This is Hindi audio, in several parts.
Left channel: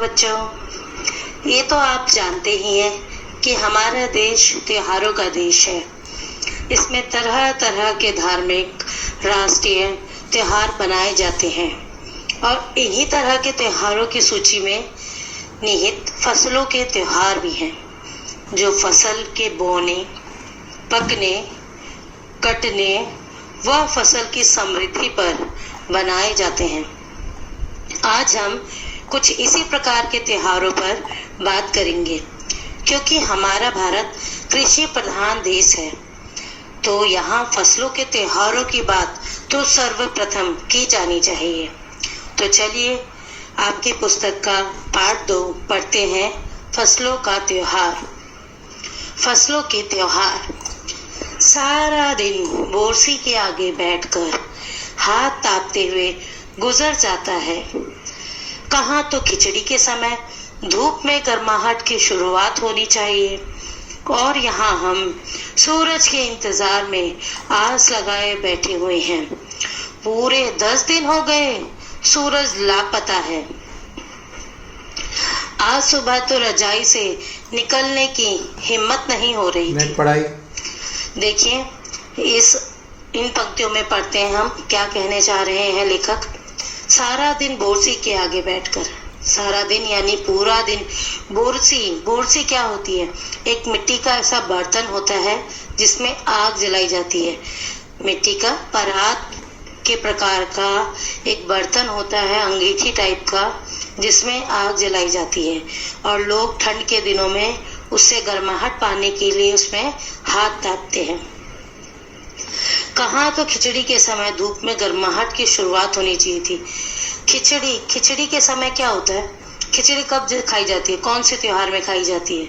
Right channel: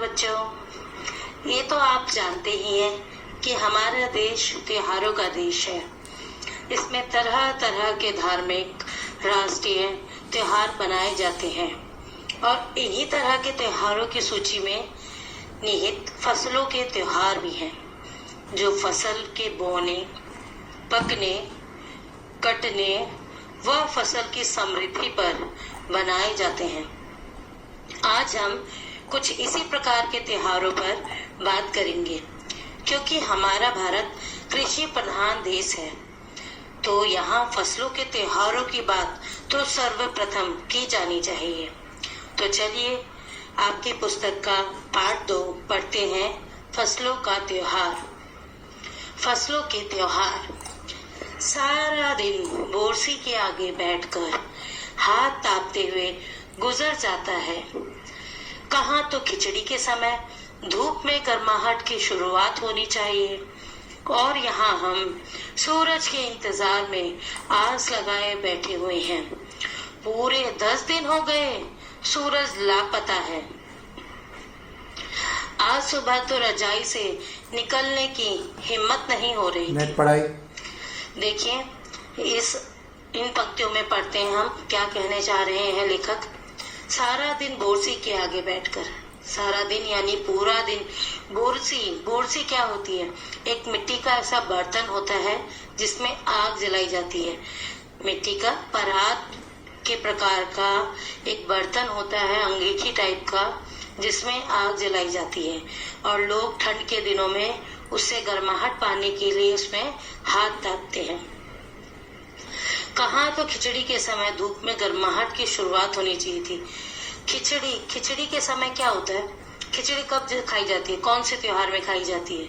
नमस्कार बच्चों। ये तो आप जानते ही हैं कि हमारा देश त्योहारों का देश है। इसमें तरह तरह के धार्मिक राष्ट्रीय त्योहार बनाए जाते हैं और इन्हीं तरह के त्योहारों की सूची में निहित फसलों के त्योहार भी हैं, जो फसल के बोने, पकने, कटने व फसल की समृद्धि पर बनाए जाते हैं। आज हम कुछ इसी प्रकार के त्योहारों पर बात करेंगे। क्योंकि हमारा भारत कृषि प्रधान देश है, तो यहाँ फसलों के त्योहारों की बात तो सर्वप्रथम की जानी चाहिए। तो चलिए आपकी पुस्तक का पाठ 2 पढ़ते हैं। फसलों का त्योहार। फसलों के त्योहार। सारा दिन बोरसी के आगे बैठकर हाथ तापते हुए गुजर जाता है। कहाँ तो खिचड़ी के समय धूप में गर्माहट की शुरुआत होनी चाहिए और यहाँ हम सूरज के इंतजार में आस लगाए बैठे हुए हैं। पूरे 10 दिन हो गए, सूरज लापता है। आज सुबह तो रजाई से निकलने की हिम्मत नहीं हो रही थी। पढ़ाई देखिए, इन पंक्तियों में पढ़ते हैं हम क्या कहने चाह रहे हैं लेखक। सारा दिन बोरसी के आगे बैठकर, सारा दिन यानी पूरा दिन। बोरसी क्या होती है? एक मिट्टी का ऐसा बर्तन होता है जिसमें आग जलाई जाती है। मिट्टी का परात के प्रकार का एक बर्तन होता है, अंगीठी टाइप का, जिसमें आग जलाई जाती है और लोग ठंड के दिनों में उससे गर्माहट पाने के लिए उसमें हाथ तापते हैं। कहाँ तो खिचड़ी के समय धूप में गर्माहट की शुरुआत होनी चाहिए थी। खिचड़ी के समय क्या होता है? खिचड़ी कब खाई जाती है? कौन से त्योहार में खाई जाती है?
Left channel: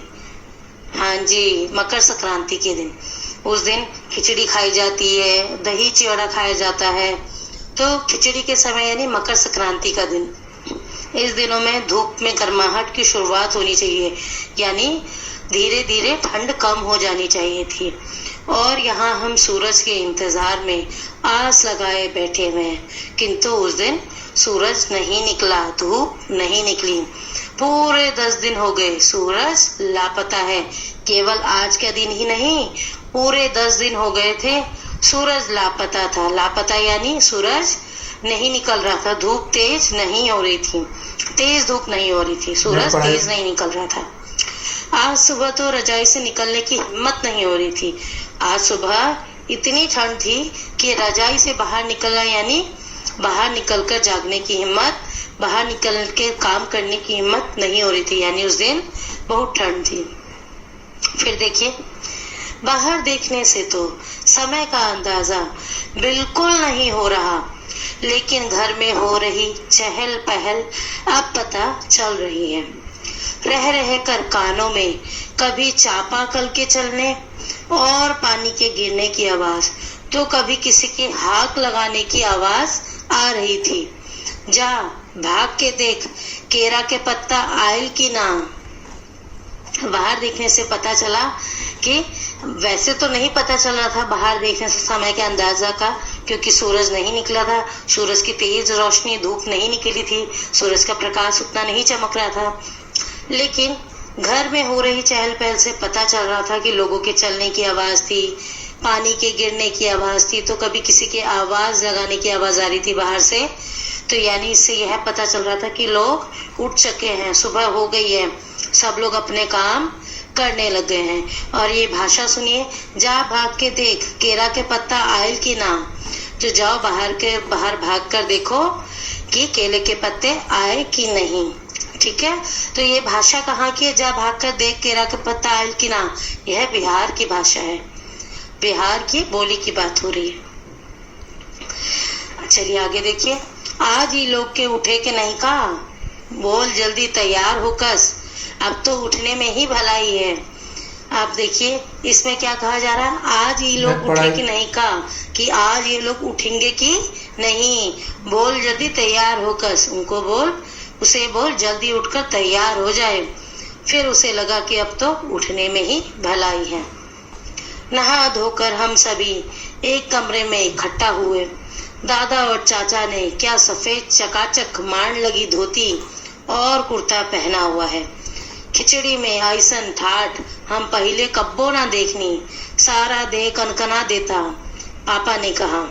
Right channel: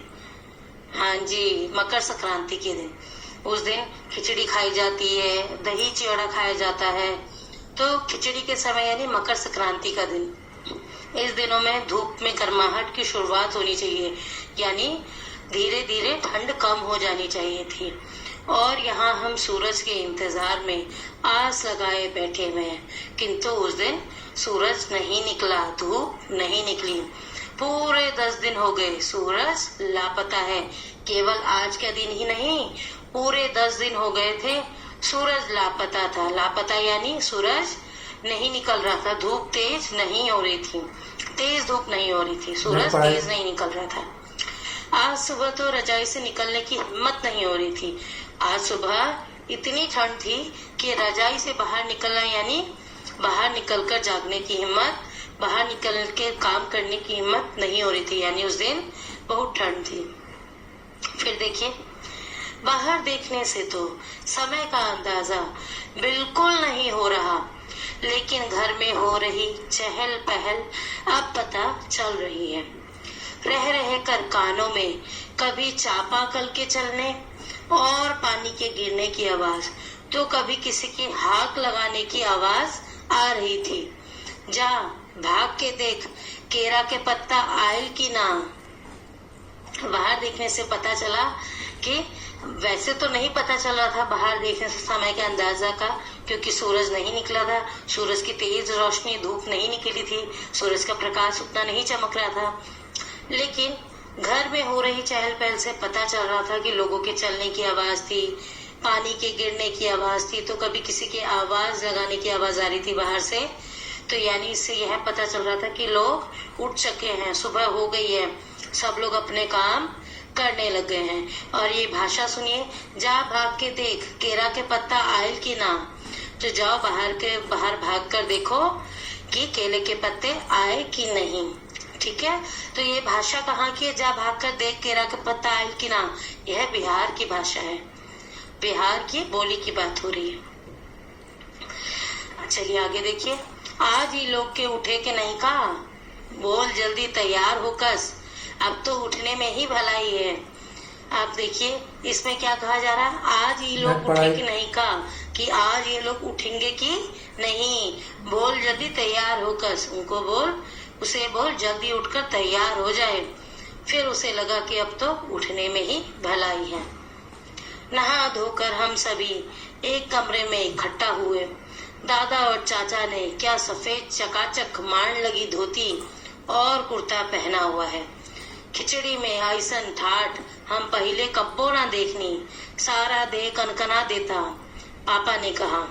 हाँ जी, मकर संक्रांति के दिन। उस दिन खिचड़ी खाई जाती है, दही चिवड़ा खाया जाता है। तो खिचड़ी के समय यानी मकर संक्रांति का दिन। इस दिनों में धूप में गर्माहट की शुरुआत होनी चाहिए, यानी धीरे धीरे ठंड कम हो जानी चाहिए थी। और यहाँ हम सूरज के इंतजार में आस लगाए बैठे हुए हैं, किंतु उस दिन सूरज नहीं निकला, धूप नहीं निकली। पूरे 10 दिन हो गए, सूरज लापता है। केवल आज का दिन ही नहीं, पूरे 10 दिन हो गए थे, सूरज लापता था। लापता यानी सूरज नहीं निकल रहा था, धूप तेज नहीं हो रही थी, तेज धूप नहीं हो रही थी, सूरज तेज नहीं निकल रहा था। आज सुबह तो रजाई से निकलने की हिम्मत नहीं हो रही थी। आज सुबह इतनी ठंड थी कि रजाई से बाहर निकलना यानी बाहर निकलकर जागने की हिम्मत, बाहर निकल के काम करने की हिम्मत नहीं हो रही थी, यानी उस दिन बहुत ठंड थी। फिर देखिए, बाहर देखने से तो समय का अंदाजा बिल्कुल नहीं हो रहा, लेकिन घर में हो रही चहल पहल अब पता चल रही है। रह रह कर कानों में कभी चापाकल के चलने और पानी के गिरने की आवाज, तो कभी किसी की हाक लगाने की आवाज आ रही थी। जा भाग के देख, केरा के पत्ता आयल की ना। बाहर देखने से पता चला कि वैसे तो नहीं पता चल रहा था बाहर देखने से समय के अंदाजा का, क्योंकि सूरज नहीं निकला था, सूरज की तेज रोशनी, धूप नहीं निकली थी, सूरज का प्रकाश उतना नहीं चमक रहा था। लेकिन घर में हो रही चहल पहल से पता चल रहा था कि लोगों के चलने की आवाज थी, पानी के गिरने की आवाज थी, तो कभी किसी के आवाज लगाने की आवाज आ रही थी बाहर से। तो यानी इससे यह पता चल रहा था कि लोग उठ चुके हैं, सुबह हो गई है, सब लोग अपने काम करने लग गए हैं। और ये भाषा सुनिए, जा भाग के देख, केरा के पत्ता आयल की ना। तो जाओ बाहर भाग कर देखो कि केले के पत्ते आए कि नहीं। ठीक है, तो ये भाषा कहाँ की है? जा भाग कर देख, केरा के पत्ता आयल की ना। यह बिहार की भाषा है, बिहार की बोली की बात हो रही है। चलिए आगे देखिए। आज ही लोग के उठे के नहीं का, बोल जल्दी तैयार हो कस, अब तो उठने में ही भलाई है। आप देखिए इसमें क्या कहा जा रहा है, आज ये लोग उठे कि नहीं का, कि आज ये लोग उठेंगे कि नहीं। बोल जल्दी तैयार हो कस, उनको बोल, उसे बोल जल्दी उठकर तैयार हो जाए। फिर उसे लगा कि अब तो उठने में ही भलाई है। नहा धोकर हम सभी एक कमरे में इकट्ठा हुए। दादा और चाचा ने क्या सफेद चकाचक मांड लगी धोती और कुर्ता पहना हुआ है। खिचड़ी में ऐसन ठाठ हम पहले कब्बो ना देखनी, सारा देह कनकना देता, पापा ने कहा।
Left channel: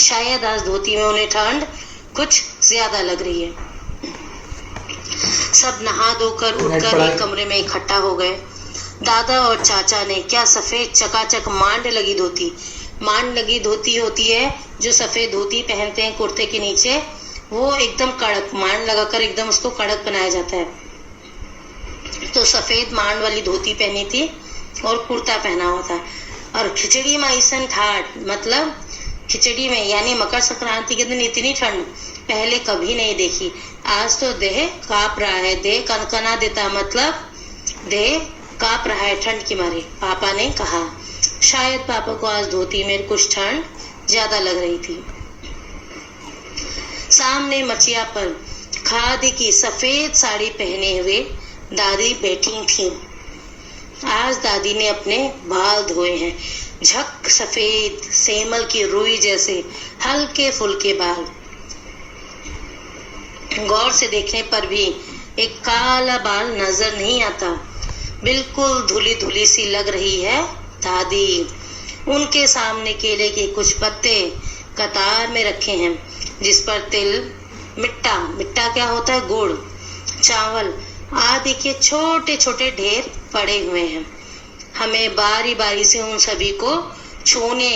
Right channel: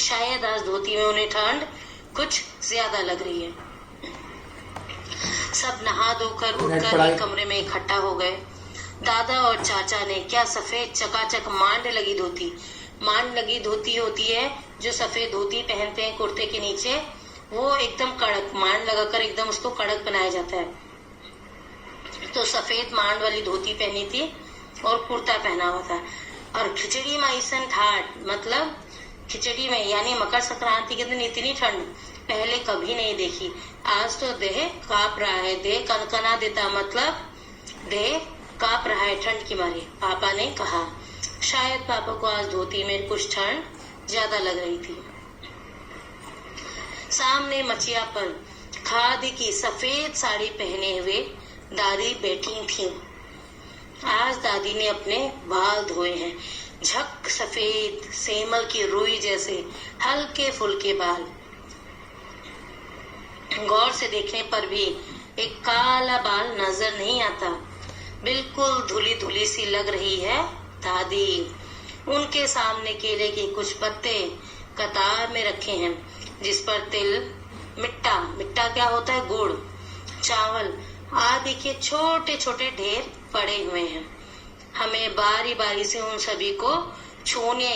शायद आज धोती में उन्हें ठंड कुछ ज्यादा लग रही है। सब नहा धोकर उठकर एक कमरे में इकट्ठा हो गए। दादा और चाचा ने क्या सफेद चकाचक मांड लगी धोती होती है, जो सफेद धोती पहनते हैं कुर्ते के नीचे, वो एकदम कड़क मांड लगाकर एकदम उसको कड़क बनाया जाता है। तो सफेद मांड वाली धोती पहनी थी और कुर्ता पहना हुआ था। और खिचड़ी में ऐसन ठाठ, मतलब खिचड़ी में यानी मकर संक्रांति के दिन इतनी ठंड पहले कभी नहीं देखी। आज तो देह कांप रहा है, देह कनकना देता, मतलब देह कांप रहा है ठंड की मारे, पापा ने कहा। शायद पापा को आज धोती में कुछ ठंड ज्यादा लग रही थी। सामने मचिया पर खादी की सफेद साड़ी पहने हुए दादी बैठी थी। आज दादी ने अपने बाल धोए हैं, झक सफेद सेमल की रुई जैसे हल्के फुल्के बाल। गौर से देखने पर भी एक काला बाल नजर नहीं आता, बिल्कुल धुली धुली सी लग रही है दादी। उनके सामने केले के कुछ पत्ते कतार में रखे हैं, जिस पर तिल, मिट्टा क्या होता है, गुड़, चावल आदि के छोटे छोटे ढेर पड़े हुए हैं। हमें बारी बारी से उन सभी को छूने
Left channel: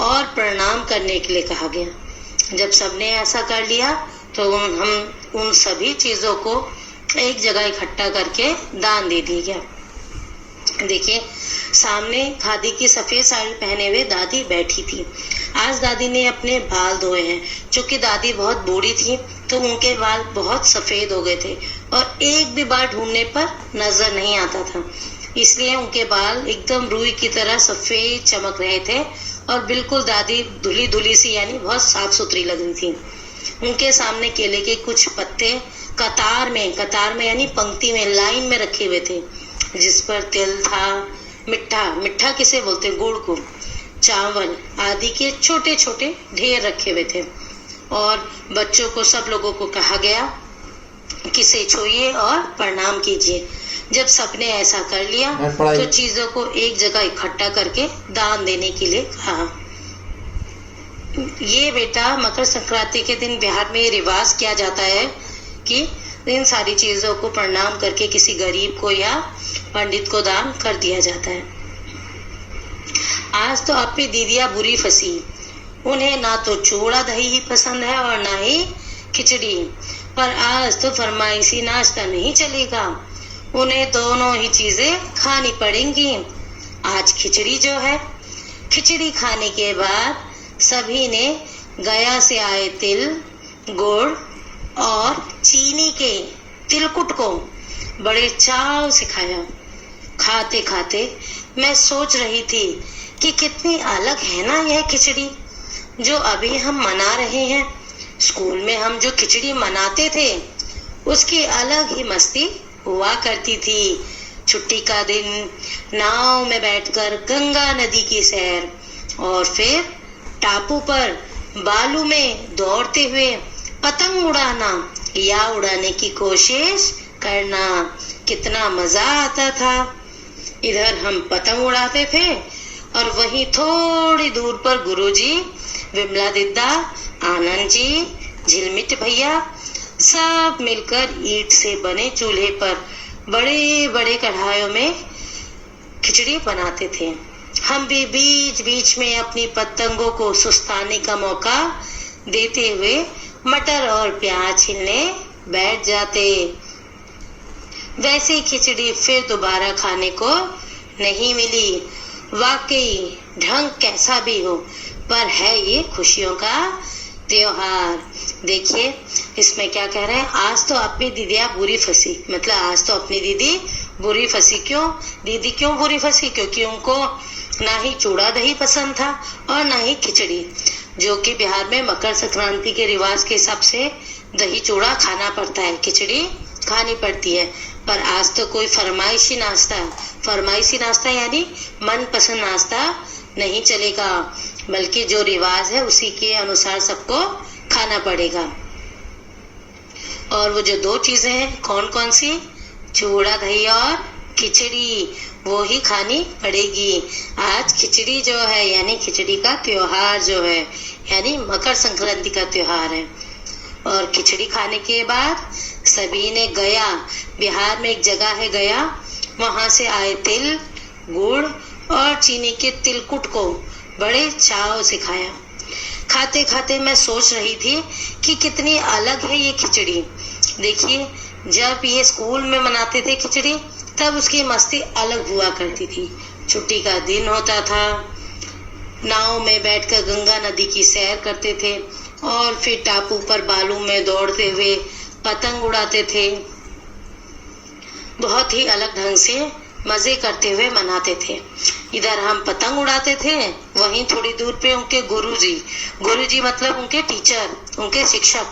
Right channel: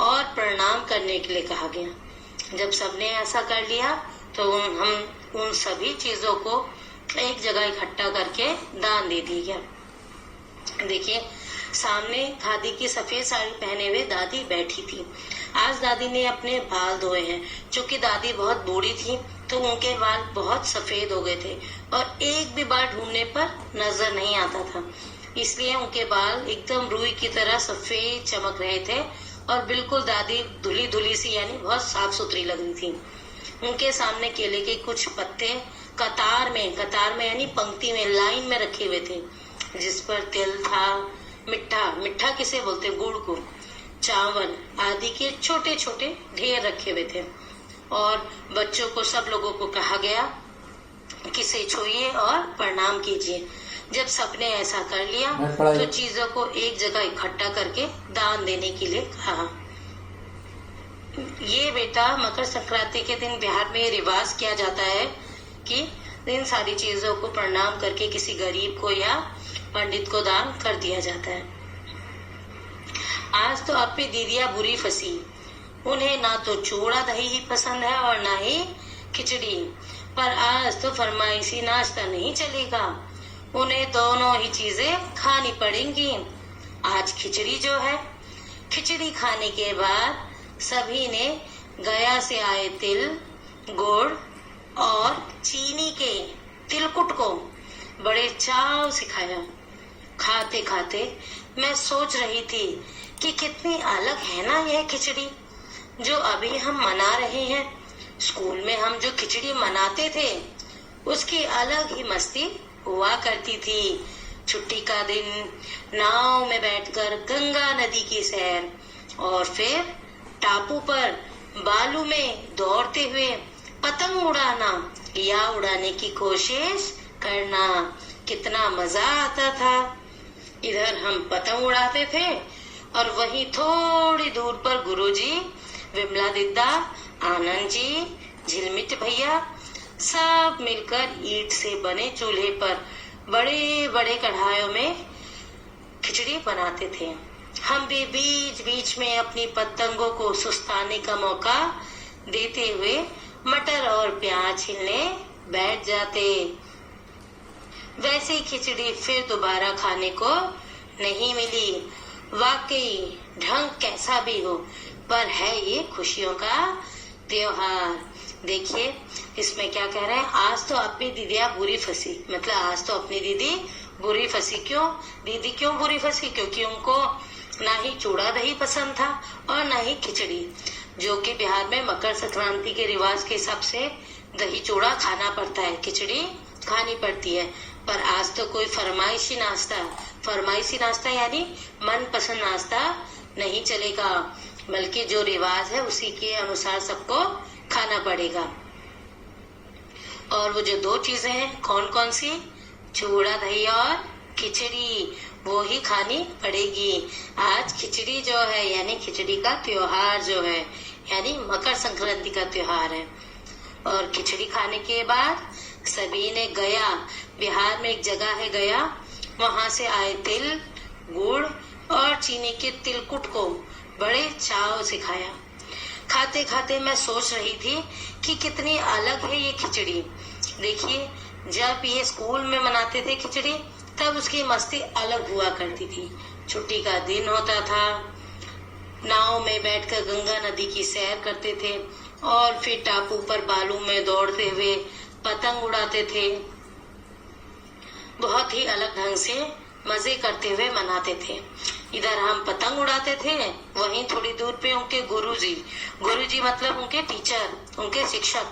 और प्रणाम करने के लिए कहा गया। जब सबने ऐसा कर लिया तो हम उन सभी चीजों को एक जगह इकट्ठा करके दान दे दिया गया। देखिए, सामने खादी की सफेद साड़ी पहने हुए दादी बैठी थी। आज दादी ने अपने बाल धोए हैं। चूंकि दादी बहुत बूढ़ी थी तो उनके बाल बहुत सफेद हो गए थे और एक भी बाल ढूंढने पर नजर नहीं आता था, इसलिए उनके बाल एकदम रुई की तरह सफेद चमक रहे थे और बिल्कुल दादी धुली धुली सी यानी बहुत साफ सुथरी लग रही थी। उनके सामने केले के कुछ पत्ते कतार में यानी पंक्ति में लाइन में रखे हुए थे, जिस पर तिल था, मिट्ठा किसे बोलते, गुड़ को, चावल आदि के छोटे छोटे ढेर रखे हुए थे। और बच्चों को, सब लोगों को कहा गया कि इसे छूइए और प्रणाम कीजिए। जब सबने ऐसा कर लिया तो चीजों को एक जगह इकट्ठा करके दान देने के लिए कहा। ये बेटा, मकर संक्रांति के दिन बिहार में रिवाज किया जाता है कि इन सारी चीजों को प्रणाम करके किसी गरीब को या पंडित को दान कर दिया जाता है। आज तो अपनी दीदियां बुरी फंसी। उन्हें ना तो चूड़ा दही ही पसंद है और ना ही खिचड़ी, पर आज तो फरमाइशी नाश्ता नहीं चलेगा, उन्हें दोनों ही चीजें खानी पड़ेंगी। आज खिचड़ी जो है, खिचड़ी खाने के बाद सभी ने गया से आए तिल, गुड़ और चीनी के तिलकुट को बड़े चाव से खाया। खाते खाते मैं सोच रही थी कि कितनी अलग है ना यह खिचड़ी जो अभी हम मना रहे हैं। स्कूल में हम जो खिचड़ी मनाते थे उसकी अलग ही मस्ती हुआ करती थी। छुट्टी का दिन, नाव में बैठकर गंगा नदी की सैर और फिर टापू पर बालू में दौड़ते हुए पतंग उड़ाना या उड़ाने की कोशिश करना, कितना मजा आता था। इधर हम पतंग उड़ाते थे और वहीं थोड़ी दूर पर गुरुजी, विमला दीदा, आनंद जी, झिलमिट भैया सब मिलकर ईंट से बने चूल्हे पर बड़े बड़े कढ़ाइयों में खिचड़ी बनाते थे। हम भी बीच बीच में अपनी पतंगों को सुस्ताने का मौका देते हुए मटर और प्याज छीलने बैठ जाते। वैसे खिचड़ी फिर दोबारा खाने को नहीं मिली। वाकई ढंग कैसा भी हो, पर है ये खुशियों का त्योहार। देखिए इसमें क्या कह रहे हैं, आज तो अपनी दीदियां बुरी फंसी, मतलब आज तो अपनी दीदी बुरी फंसी। क्यों दीदी क्यों बुरी फंसी? क्योंकि उनको ना ही चूड़ा दही पसंद था और ना ही खिचड़ी, जो कि बिहार में मकर संक्रांति के रिवाज के हिसाब से दही चूड़ा खाना पड़ता है, खिचड़ी खानी पड़ती है। पर आज तो कोई फरमाइशी नाश्ता यानी मनपसंद नाश्ता नहीं चलेगा, बल्कि जो रिवाज है उसी के अनुसार सबको खाना पड़ेगा। और वो जो 2 चीजें हैं कौन कौन सी, चूड़ा दही और खिचड़ी, वो ही खानी पड़ेगी। आज खिचड़ी जो है यानी खिचड़ी का त्योहार जो है यानी मकर संक्रांति का त्योहार है। और खिचड़ी खाने के बाद सभी ने गया, बिहार में एक जगह है गया, वहां से आए तिल, गुड़ और चीनी के तिलकुट को बड़े चाव से खाया। खाते खाते मैं सोच रही थी कि कितनी अलग है ये खिचड़ी। देखिए, जब ये स्कूल में मनाते थे खिचड़ी तब उसकी मस्ती अलग हुआ करती थी। छुट्टी का दिन होता था, नाव में बैठकर गंगा नदी की सैर करते थे और फिर टापू पर बालू में दौड़ते हुए पतंग उड़ाते थे। बहुत ही अलग ढंग से मजे करते हुए मनाते थे। इधर हम पतंग उड़ाते थे, वहीं थोड़ी दूर पे उनके गुरुजी मतलब उनके टीचर, उनके शिक्षक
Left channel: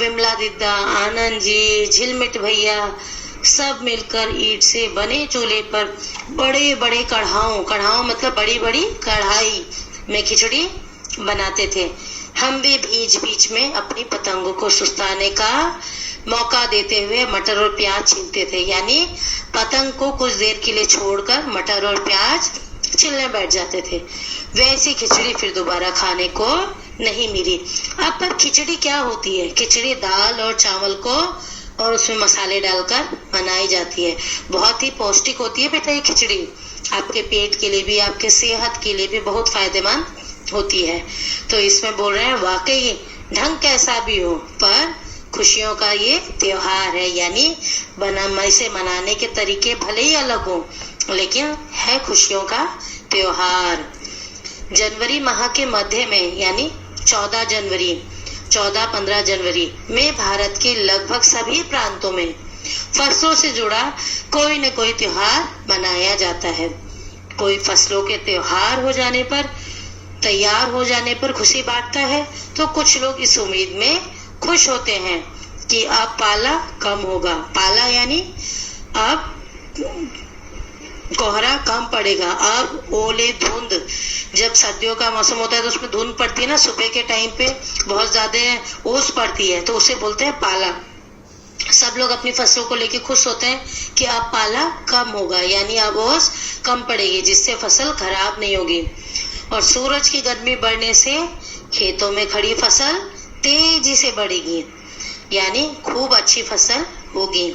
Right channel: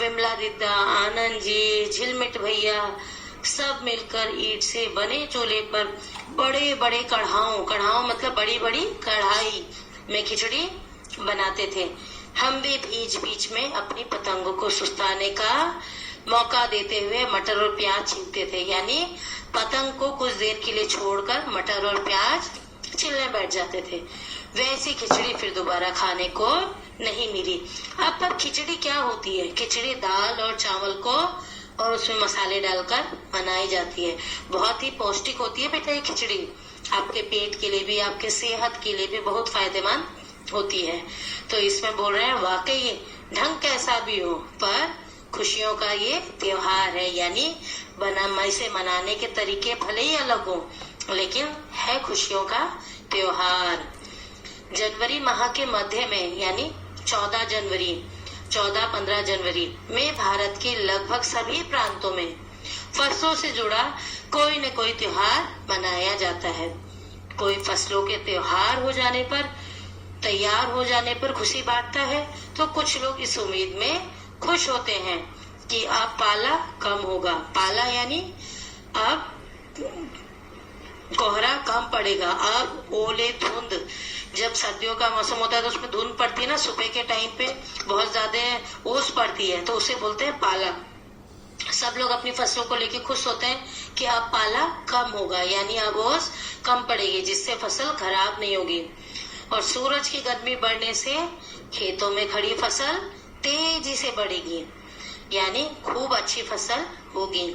विमला दीदा, आनंद जी, झिलमिट भैया सब मिलकर ईंट से बने चूल्हे पर बड़े बड़े कढ़ाओं मतलब बड़ी बड़ी कढ़ाई में खिचड़ी बनाते थे। हम भी बीच में अपनी पतंगों को सुस्ताने का मौका देते हुए मटर और प्याज छीलते थे, यानी पतंग को कुछ देर के लिए छोड़कर मटर और प्याज छिलने बैठ जाते थे। वैसी खिचड़ी फिर दोबारा खाने को नहीं मिली। अब पर खिचड़ी क्या होती है, खिचड़ी दाल और चावल को और उसमें मसाले डालकर बनाई जाती है। बहुत ही पौष्टिक होती है बेटा ये खिचड़ी, आपके पेट के लिए भी, आपके सेहत के लिए भी बहुत फायदेमंद होती है। तो इसमें बोल रहे हैं वाकई ढंग कैसा भी हो पर खुशियों का ये त्योहार है, यानी इसे मनाने के तरीके भले ही अलग हो लेकिन है खुशियों का त्योहार। जनवरी माह के मध्य में यानी 14-15 जनवरी में भारत के लगभग सभी प्रांतों में फसलों से जुड़ा कोई न कोई त्योहार मनाया जाता है। कोई फसलों के त्योहार हो जाने पर, तैयार हो जाने पर खुशी बांटता है, तो कुछ लोग इस उम्मीद में खुश होते हैं कि अब पाला कम होगा। पाला यानी अब कोहरा कम पड़ेगा, अब ओले धुंध, जब सर्दियों का मौसम होता है तो उसमें धुंध पड़ती है ना, सुबह के टाइम पे बहुत ज्यादा ओस पड़ती है तो उसे बोलते हैं पाला। सब लोग अपनी फसलों को लेके खुश होते हैं कि अब पाला कम होगा, यानी अब ओस कम पड़ेगी जिससे फसल खराब नहीं होगी। और सूरज की गर्मी बढ़ने से खेतों में खड़ी फसल तेजी से बढ़ेगी, यानी खूब अच्छी फसल होगी।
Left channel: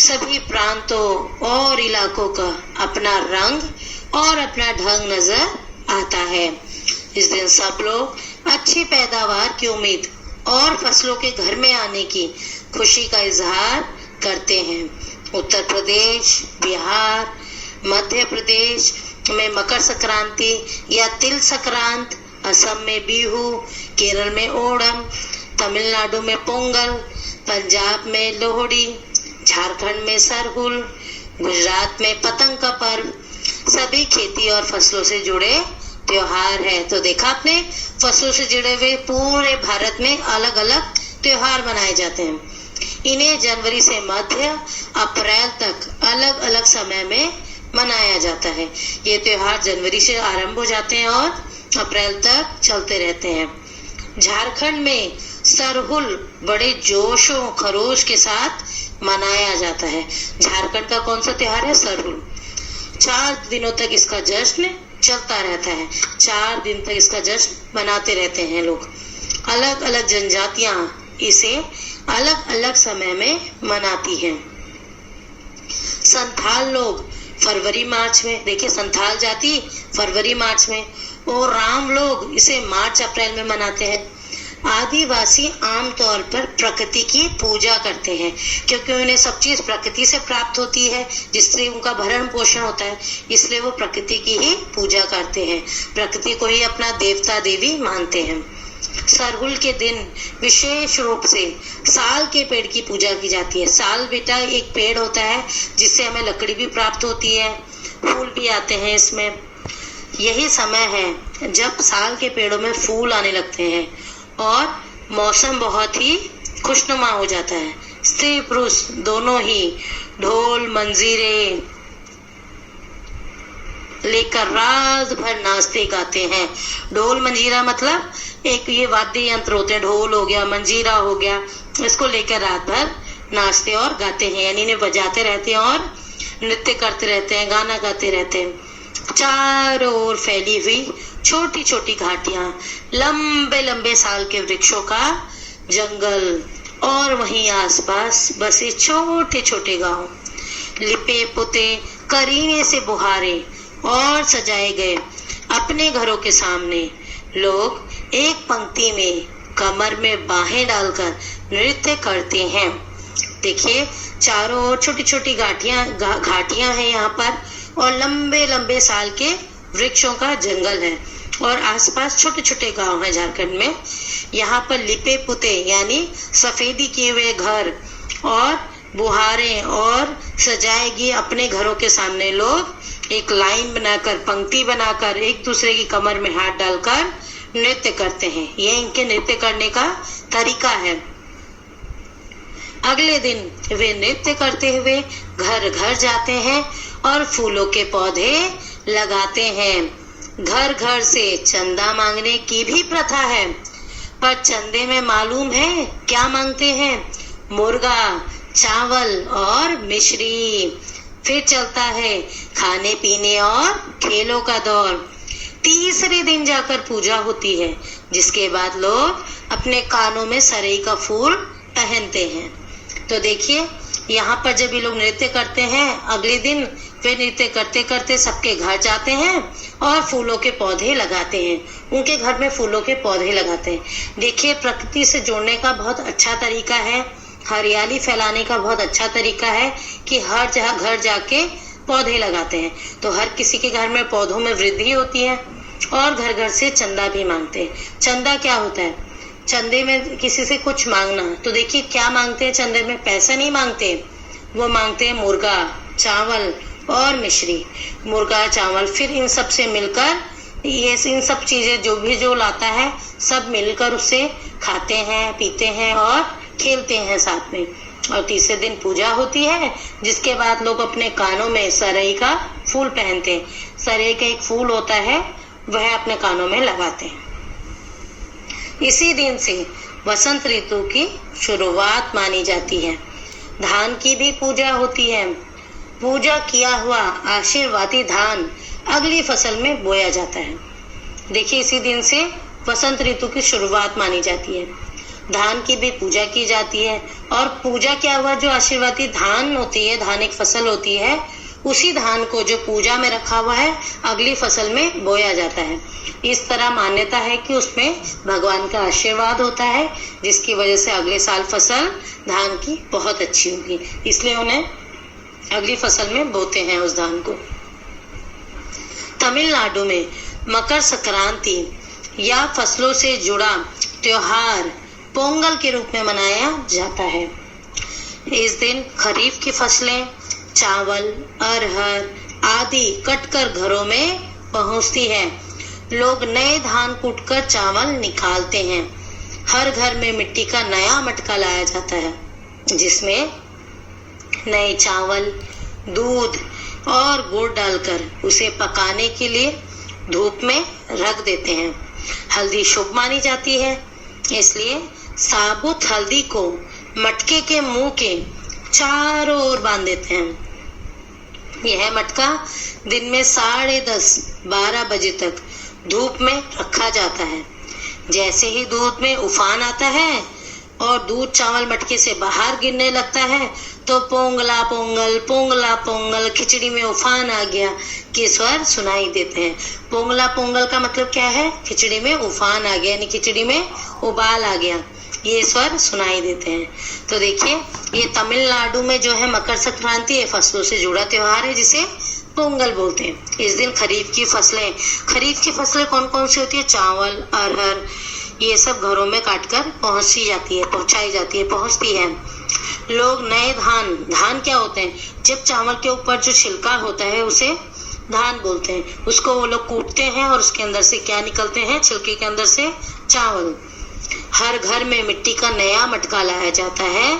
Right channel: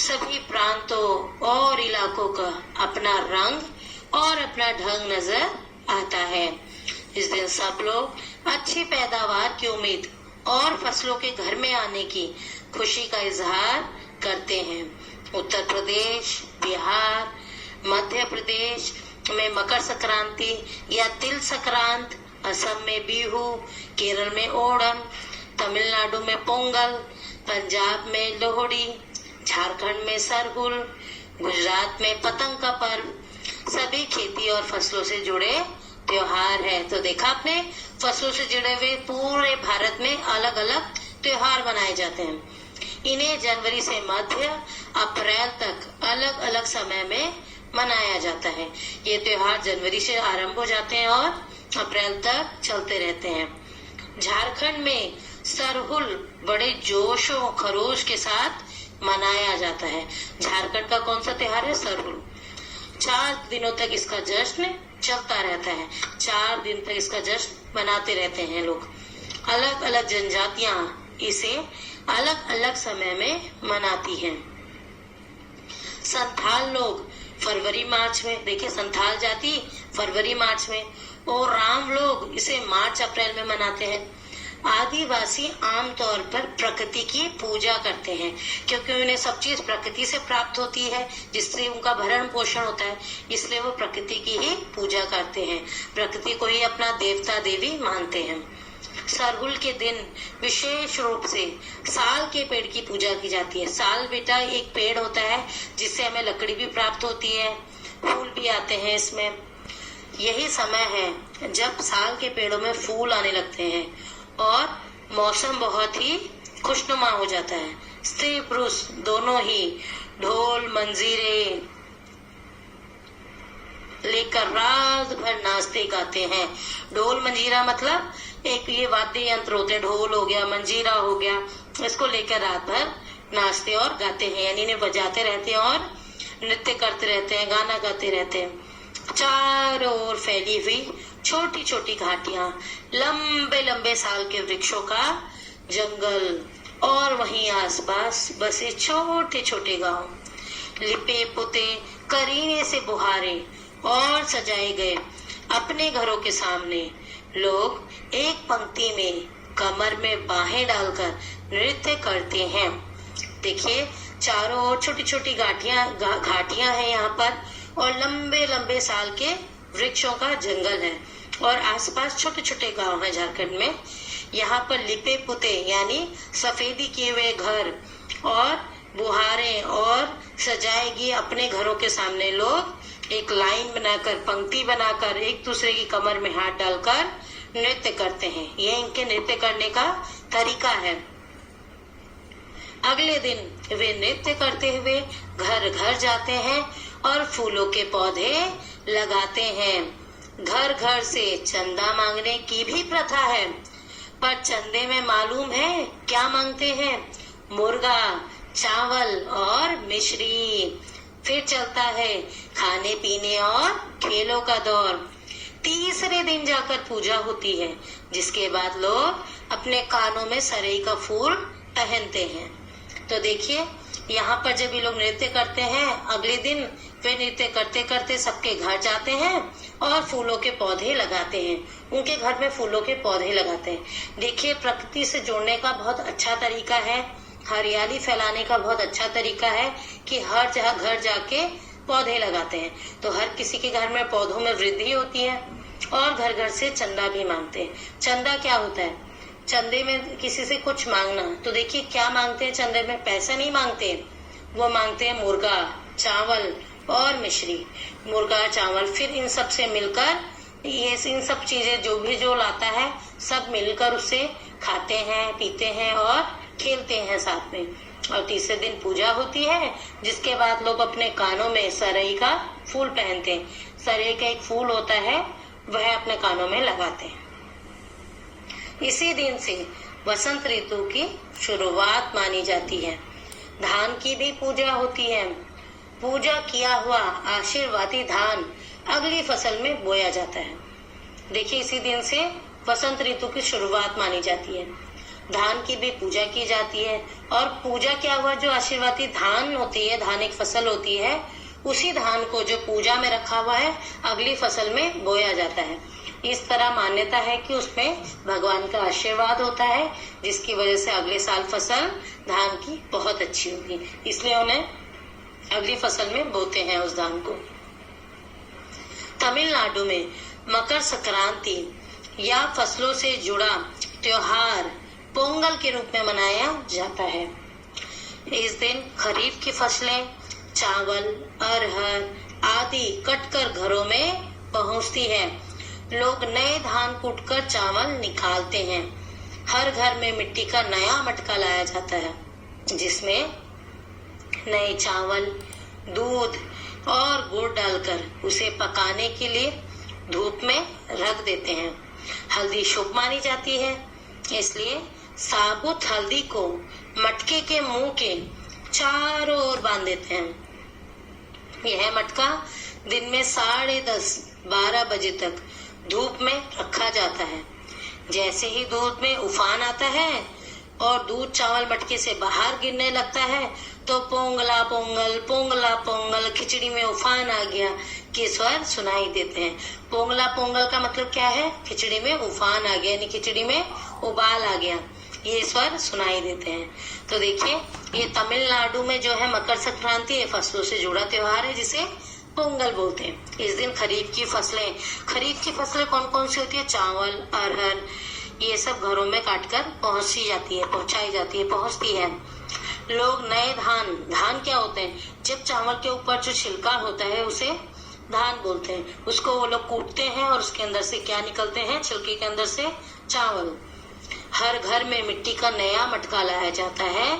सभी प्रांतों और इलाकों का अपना रंग और अपना ढंग नजर आता है। इस दिन सब लोग अच्छी पैदावार की उम्मीद और फसलों के घर में आने की खुशी का इजहार करते हैं। उत्तर प्रदेश, बिहार, मध्य प्रदेश में मकर संक्रांति या तिल संक्रांत, असम में बिहू, केरल में ओणम, तमिलनाडु में पोंगल, पंजाब में लोहड़ी, झारखंड में सरहुल, गुजरात में पतंग का पर्व, सभी खेती और फसलों से जुड़े त्योहार है। तो देखा आपने, फसलों से जुड़े हुए पूरे भारत में अलग अलग त्योहार मनाए जाते हैं। इन्हें जनवरी से मध्य अप्रैल तक अलग अलग समय में मनाया जाता है। ये त्योहार जनवरी से आरंभ हो जाते हैं और अप्रैल तक चलते रहते हैं। झारखंड में सरहुल बड़े जोश और खरोश के साथ मनाया जाता है। झारखंड का कौन सा त्योहार है? सरहुल। 4 दिनों तक इसका जश्न चलता रहता है। 4 दिन तक इसका जश्न मनाते रहते हैं लोग। अलग अलग जनजातियां इसे अलग अलग समय में मनाती हैं। संथाल लोग फरवरी मार्च में, देखिए संथाल जाति फरवरी मार्च में, और राम लोग इसे मार्च अप्रैल में मनाते हैं। आदिवासी आमतौर पर प्रकृति की पूजा करते हैं क्योंकि उन्हें सब चीज प्रकृति से प्राप्त होती है, जिससे उनका भरण पोषण होता है, इसलिए वो प्रकृति की ही पूजा करते हैं, प्रकृति को ही अपना देवता देवी मानते हैं। सरहुल के दिन विशेष रूप से साल के पेड़ की पूजा की जाती है। साल बेटा एक पेड़ होता है जिससे हमें लकड़ी भी प्राप्त होती है, फूल भी आते हैं इसमें। यही समय है जब साल के पेड़ों में फूल आने लगते हैं और मौसम बहुत ही खुशनुमा हो जाता है। स्त्री पुरुष दोनों ही ढोल मंजीरे लेकर रात भर नाचते गाते हैं। ढोल मंजीरा मतलब एक ये वाद्य यंत्र होते हैं, ढोल हो गया, मंजीरा हो गया, इसको लेकर रात भर नाचते और गाते हैं, यानी इन्हें बजाते रहते हैं और नृत्य करते रहते हैं, गाना गाते रहते हैं। चारों ओर फैली हुई छोटी छोटी घाटियां, लंबे लंबे साल के वृक्षों का जंगल और वहीं आसपास बसे छोटे छोटे गांव, लिपे पुते करीने से बुहारे और सजाए गए अपने घरों के सामने लोग एक पंक्ति में कमर में बाहें डालकर नृत्य करते हैं। देखिए चारों ओर छोटी छोटी घाटियां हैं यहाँ पर और लंबे लंबे साल के वृक्षों का जंगल है और आसपास छोटे छोटे गांव हैं झारखंड में। यहाँ पर लिपे पुते यानी सफेदी किए हुए घर और बुहारें और सजाएगी अपने घरों के सामने लोग एक लाइन बनाकर, पंक्ति बनाकर एक दूसरे की कमर में हाथ डालकर नृत्य करते हैं। ये इनके नृत्य करने का तरीका है। अगले दिन वे नृत्य करते हुए घर घर जाते हैं और फूलों के पौधे लगाते हैं। घर घर से चंदा मांगने की भी प्रथा है, पर चंदे में मालूम है क्या मांगते हैं? मुर्गा, चावल और मिश्री। फिर चलता है खाने पीने और खेलों का दौर। तीसरे दिन जाकर पूजा होती है, जिसके बाद लोग अपने कानों में सरई का फूल पहनते हैं। तो देखिए यहाँ पर जब ये लोग नृत्य करते हैं, अगले दिन फिर नृत्य करते करते सबके घर जाते हैं और फूलों के पौधे लगाते हैं। उनके घर में फूलों के पौधे लगाते हैं। देखिए प्रकृति से जोड़ने का बहुत अच्छा तरीका है, हरियाली फैलाने का बहुत अच्छा तरीका है कि हर जगह घर जाके पौधे लगाते हैं। तो हर किसी के घर में पौधों में वृद्धि होती है और घर घर से चंदा भी मांगते हैं। चंदा क्या होता है? चंदे में किसी से कुछ मांगना। तो देखिए क्या मांगते हैं चंदे में? पैसा नहीं मांगते, वो मांगते हैं मुर्गा, चावल और मिश्री। मुर्गा, चावल, फिर इन सब से मिलकर ये इन सब चीजें जो लाता है सब मिलकर उसे खाते हैं, पीते हैं और खेलते हैं साथ में। और तीसरे दिन पूजा होती है, जिसके बाद लोग अपने कानों में सरई का फूल पहनते हैं। सरई का एक फूल होता है, वह अपने कानों में लगाते हैं। इसी दिन से वसंत ऋतु की शुरुआत मानी जाती है। धान की भी पूजा होती है। पूजा किया हुआ आशीर्वादी धान अगली फसल में बोया जाता है। देखिए इसी दिन से वसंत ऋतु की शुरुआत मानी जाती है। धान की भी पूजा की जाती है और पूजा क्या हुआ, जो आशीर्वादी धान होती है, धान एक फसल होती है, उसी धान को जो पूजा में रखा हुआ है अगली फसल में बोया जाता है। इस तरह मान्यता है कि उसमें भगवान का आशीर्वाद होता है, जिसकी वजह से अगले साल फसल धान की बहुत अच्छी होगी, इसलिए उन्हें अगली फसल में बोते हैं उस धान को। तमिलनाडु में मकर संक्रांति या फसलों से जुड़ा त्योहार पोंगल के रूप में मनाया जाता है। इस दिन खरीफ की फसलें चावल, अरहर आदि कटकर घरों में पहुंचती है। लोग नए धान कूटकर चावल निकालते हैं। हर घर में मिट्टी का नया मटका लाया जाता है, जिसमें नए चावल, दूध और गुड़ डालकर उसे पकाने के लिए धूप में रख देते हैं। हल्दी शुभ मानी जाती है, इसलिए साबुत हल्दी को मटके के मुंह के चारों ओर बांध देते हैं। यह मटका दिन में 10:30-12 बजे तक धूप में रखा जाता है। जैसे ही दूध में उफान आता है और दूध चावल मटके से बाहर गिरने लगता है, तो पोंगला पोंगल, पोंगला पोंगल, खिचड़ी में उफान आ गया के स्वर सुनाई देते हैं। पोंगला पोंगल का मतलब क्या है? खिचड़ी में उफान आ गया, यानी खिचड़ी में उबाल आ गया, ये स्वर सुनाई देते हैं। तो देखिए ये तमिलनाडु में जो है मकर संक्रांति, ये फसलों से जुड़ा त्योहार है जिसे पोंगल बोलते हैं। इस दिन खरीफ की फसलें कौन कौन सी होती है? चावल, अरहर, ये सब घरों में काटकर पहुंचती है। लोग नए धान क्या होते हैं? जब चावल के ऊपर जो छिलका होता है उसे धान बोलते हैं। उसको वो लोग कूटते हैं और उसके अंदर से क्या निकलते हैं? छिलके के अंदर से चावल। हर घर में मिट्टी का नया मटका लाया जाता है,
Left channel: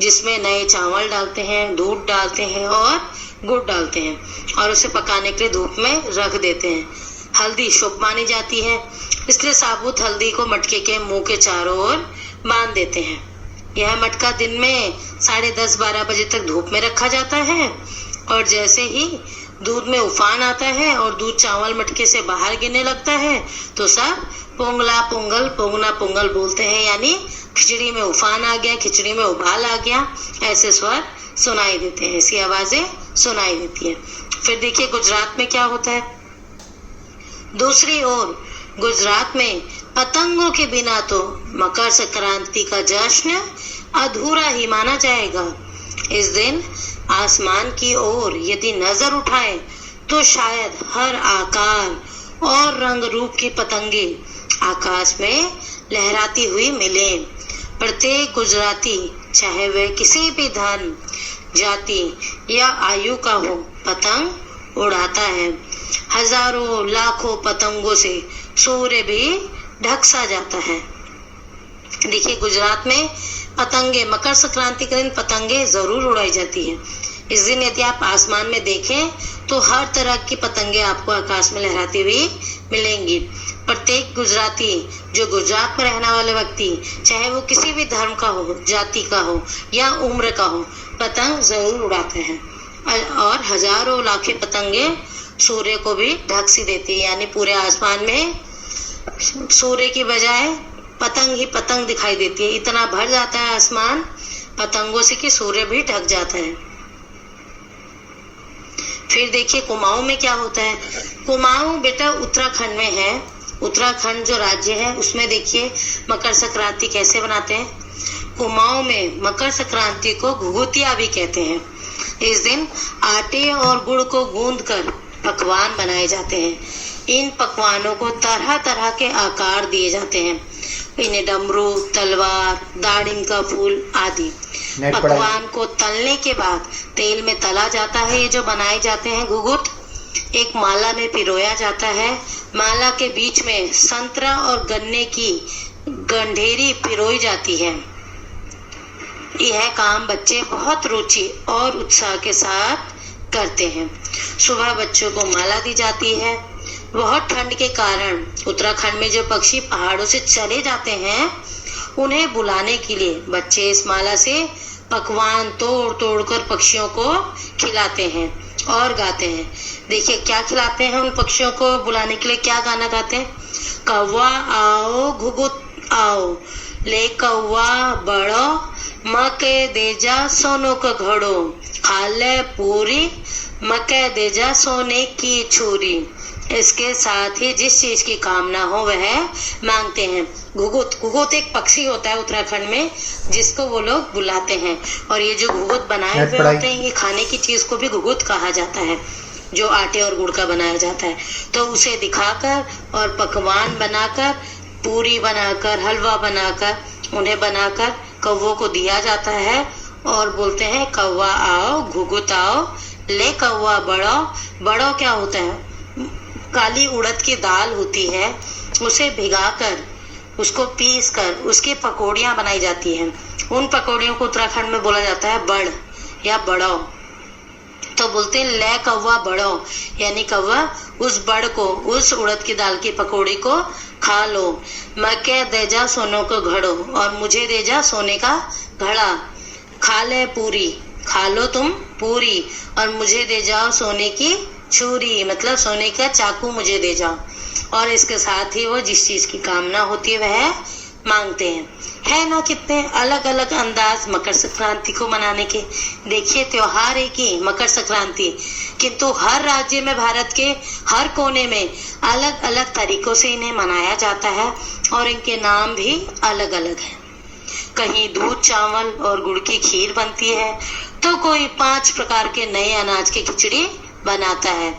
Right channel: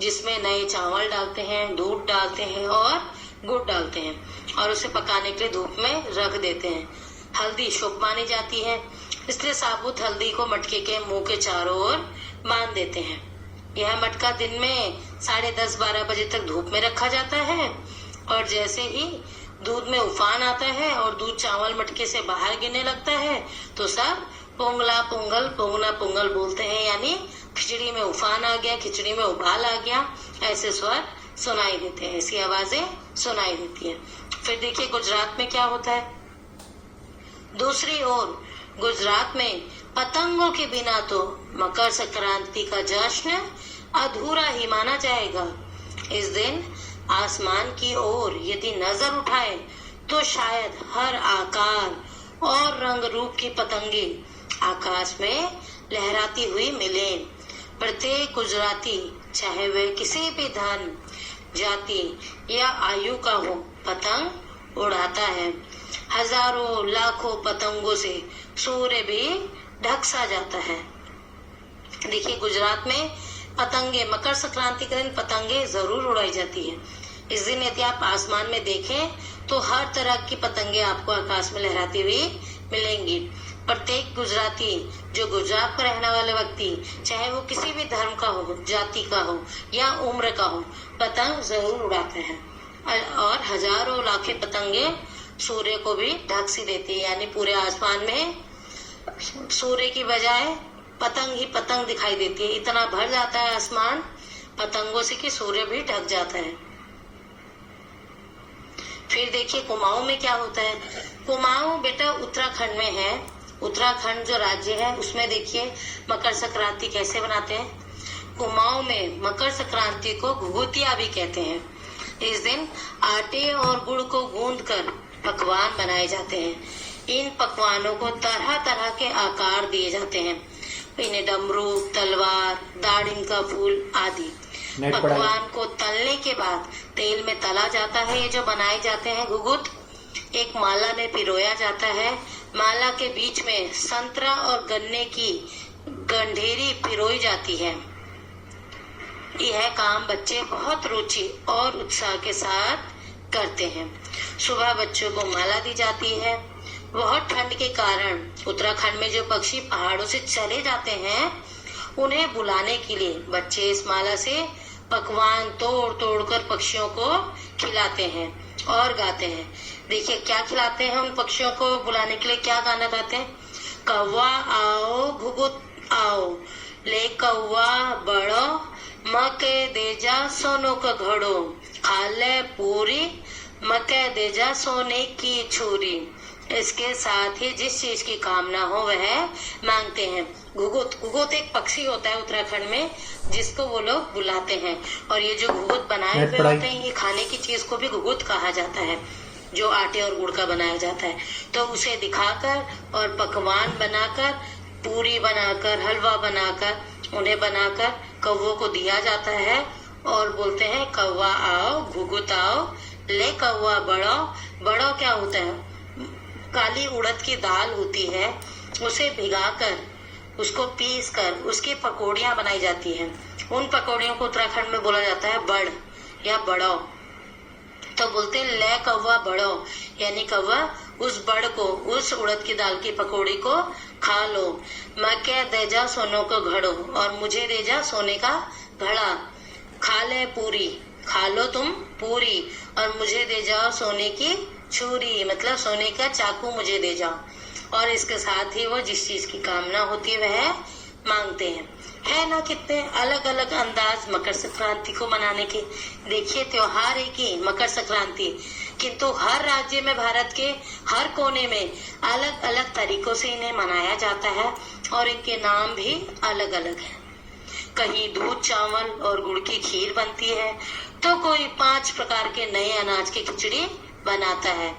जिसमें नए चावल डालते हैं, दूध डालते हैं और गुड़ डालते हैं और उसे पकाने के लिए धूप में रख देते हैं। हल्दी शुभ मानी जाती है, इसलिए साबुत हल्दी को मटके के मुंह के चारों ओर बांध देते हैं। यह मटका दिन में 10:30-12 बजे तक धूप में रखा जाता है और जैसे ही दूध में उफान आता है और दूध चावल मटके से बाहर गिरने लगता है तो सब पोंगला पोंगल पोंगना पोंगल बोलते हैं, यानी खिचड़ी में उफान आ गया, खिचड़ी में उबाल आ गया, ऐसे स्वर सुनाई देते हैं, ऐसी आवाजें सुनाई देती है। फिर देखिए गुजरात में क्या होता है। दूसरी ओर गुजरात में पतंगों के बिना तो मकर संक्रांति का जश्न अधूरा ही माना जाएगा। इस दिन आसमान की ओर यदि नजर उठाए तो शायद हर आकार और रंग रूप की पतंगे आकाश में लहराती हुई मिले। प्रत्येक गुजराती, चाहे वह किसी भी धर्म, जाति या आयु का हो, पतंग उड़ाता है। हजारों लाखों पतंगों से सूर्य भी ढक सा जाता है। देखिए गुजरात में पतंगे, मकर संक्रांति के दिन पतंगे जरूर उड़ाई जाती है। इस दिन यदि आप आसमान में देखें तो हर तरह की पतंगे आपको आकाश में लहराती हुई मिलेंगी। प्रत्येक गुजराती, जो गुजरात में रहने वाले व्यक्ति, चाहे वो किसी भी धर्म का हो, जाति का हो या उम्र का हो, पतंग जरूर उड़ाते हैं और हजारों लाखे पतंगे सूर्य को भी ढक सी देती है, यानी पूरे आसमान में सूर्य की बजाय पतंग ही पतंग दिखाई देती है। इतना भर जाता है आसमान पतंगों से कि सूर्य भी ढक जाता है। फिर देखिए कुमाऊं में क्या होता है। कुमाऊं बेटा उत्तराखंड में है। उत्तराखंड जो राज्य है उसमें देखिए मकर संक्रांति कैसे बनाते हैं। कुमाऊं में मकर संक्रांति को घुघुतिया भी कहते हैं। इस दिन आटे और गुड़ को गूंदकर पकवान बनाए जाते हैं। इन पकवानों को तरह तरह के आकार दिए जाते हैं। इन्हें डमरू, तलवार, दाड़िम का फूल आदि। पकवान को तलने के बाद तेल में तला जाता है। ये जो बनाए जाते हैं घुघुत, एक माला में पिरोया जाता है। माला के बीच में संतरा और गन्ने की गंढेरी पिरोई जाती है। यह काम बच्चे बहुत रुचि और उत्साह के साथ करते हैं। सुबह बच्चों को माला दी जाती है। बहुत ठंड के कारण उत्तराखंड में जो पक्षी पहाड़ों से चले जाते हैं उन्हें बुलाने के लिए बच्चे इस माला से पकवान तोड़ तोड़ कर पक्षियों को खिलाते हैं और गाते हैं। देखिए क्या खिलाते हैं उन पक्षियों को बुलाने के लिए, क्या गाना गाते हैं। कौवा आओ घुघुत आओ, ले कौवा बड़ो, मके देजा सोनो का घड़ो, खाले पूरी, मके देजा सोने की छुरी। इसके साथ ही जिस चीज की कामना हो वह मांगते हैं। घुघुत एक पक्षी होता है उत्तराखंड में जिसको वो लोग बुलाते हैं। और ये जो घुघुत बनाए हुए होते हैं, ये खाने की चीज को भी घुघुत कहा जाता है, जो आटे और गुड़ का बनाया जाता है। तो उसे दिखाकर और पकवान बनाकर, पूरी बनाकर, हलवा बनाकर, उन्हें बनाकर कौवों को दिया जाता है और बोलते हैं कौवा आओ घुघुत आओ, ले कौवा बड़ो। बड़ो क्या होता है, काली उड़द की दाल होती है, उसे भिगाकर उसको पीस कर उसकी पकौड़ियां बनाई जाती हैं। उन पकौड़ियों को उत्तराखंड में बोला जाता है बड़ या बड़ो। तो बोलते हैं ले कौवा बड़ो, यानी कौवा उस बड़ को, उस उड़द की दाल की पकौड़ी को खा लो। मके देजा सोनो को घड़ो, और मुझे देजा सोने का घड़ा। खा ले पूरी, खा लो तुम पूरी, और मुझे दे जाओ सोने की छुरी, मतलब सोने का चाकू मुझे दे जाओ। और इसके साथ ही वो जिस चीज की कामना होती है वह मांगते हैं। है ना कितने अलग अलग अंदाज मकर संक्रांति को मनाने के। देखिए त्योहार एक ही मकर संक्रांति, किंतु हर राज्य में, भारत के हर कोने में अलग अलग तरीकों से इन्हें मनाया जाता है और इनके नाम भी अलग अलग है। कहीं दूध चावल और गुड़ की खीर बनती है तो कोई 5 प्रकार के नए अनाज की खिचड़ी बनाता है।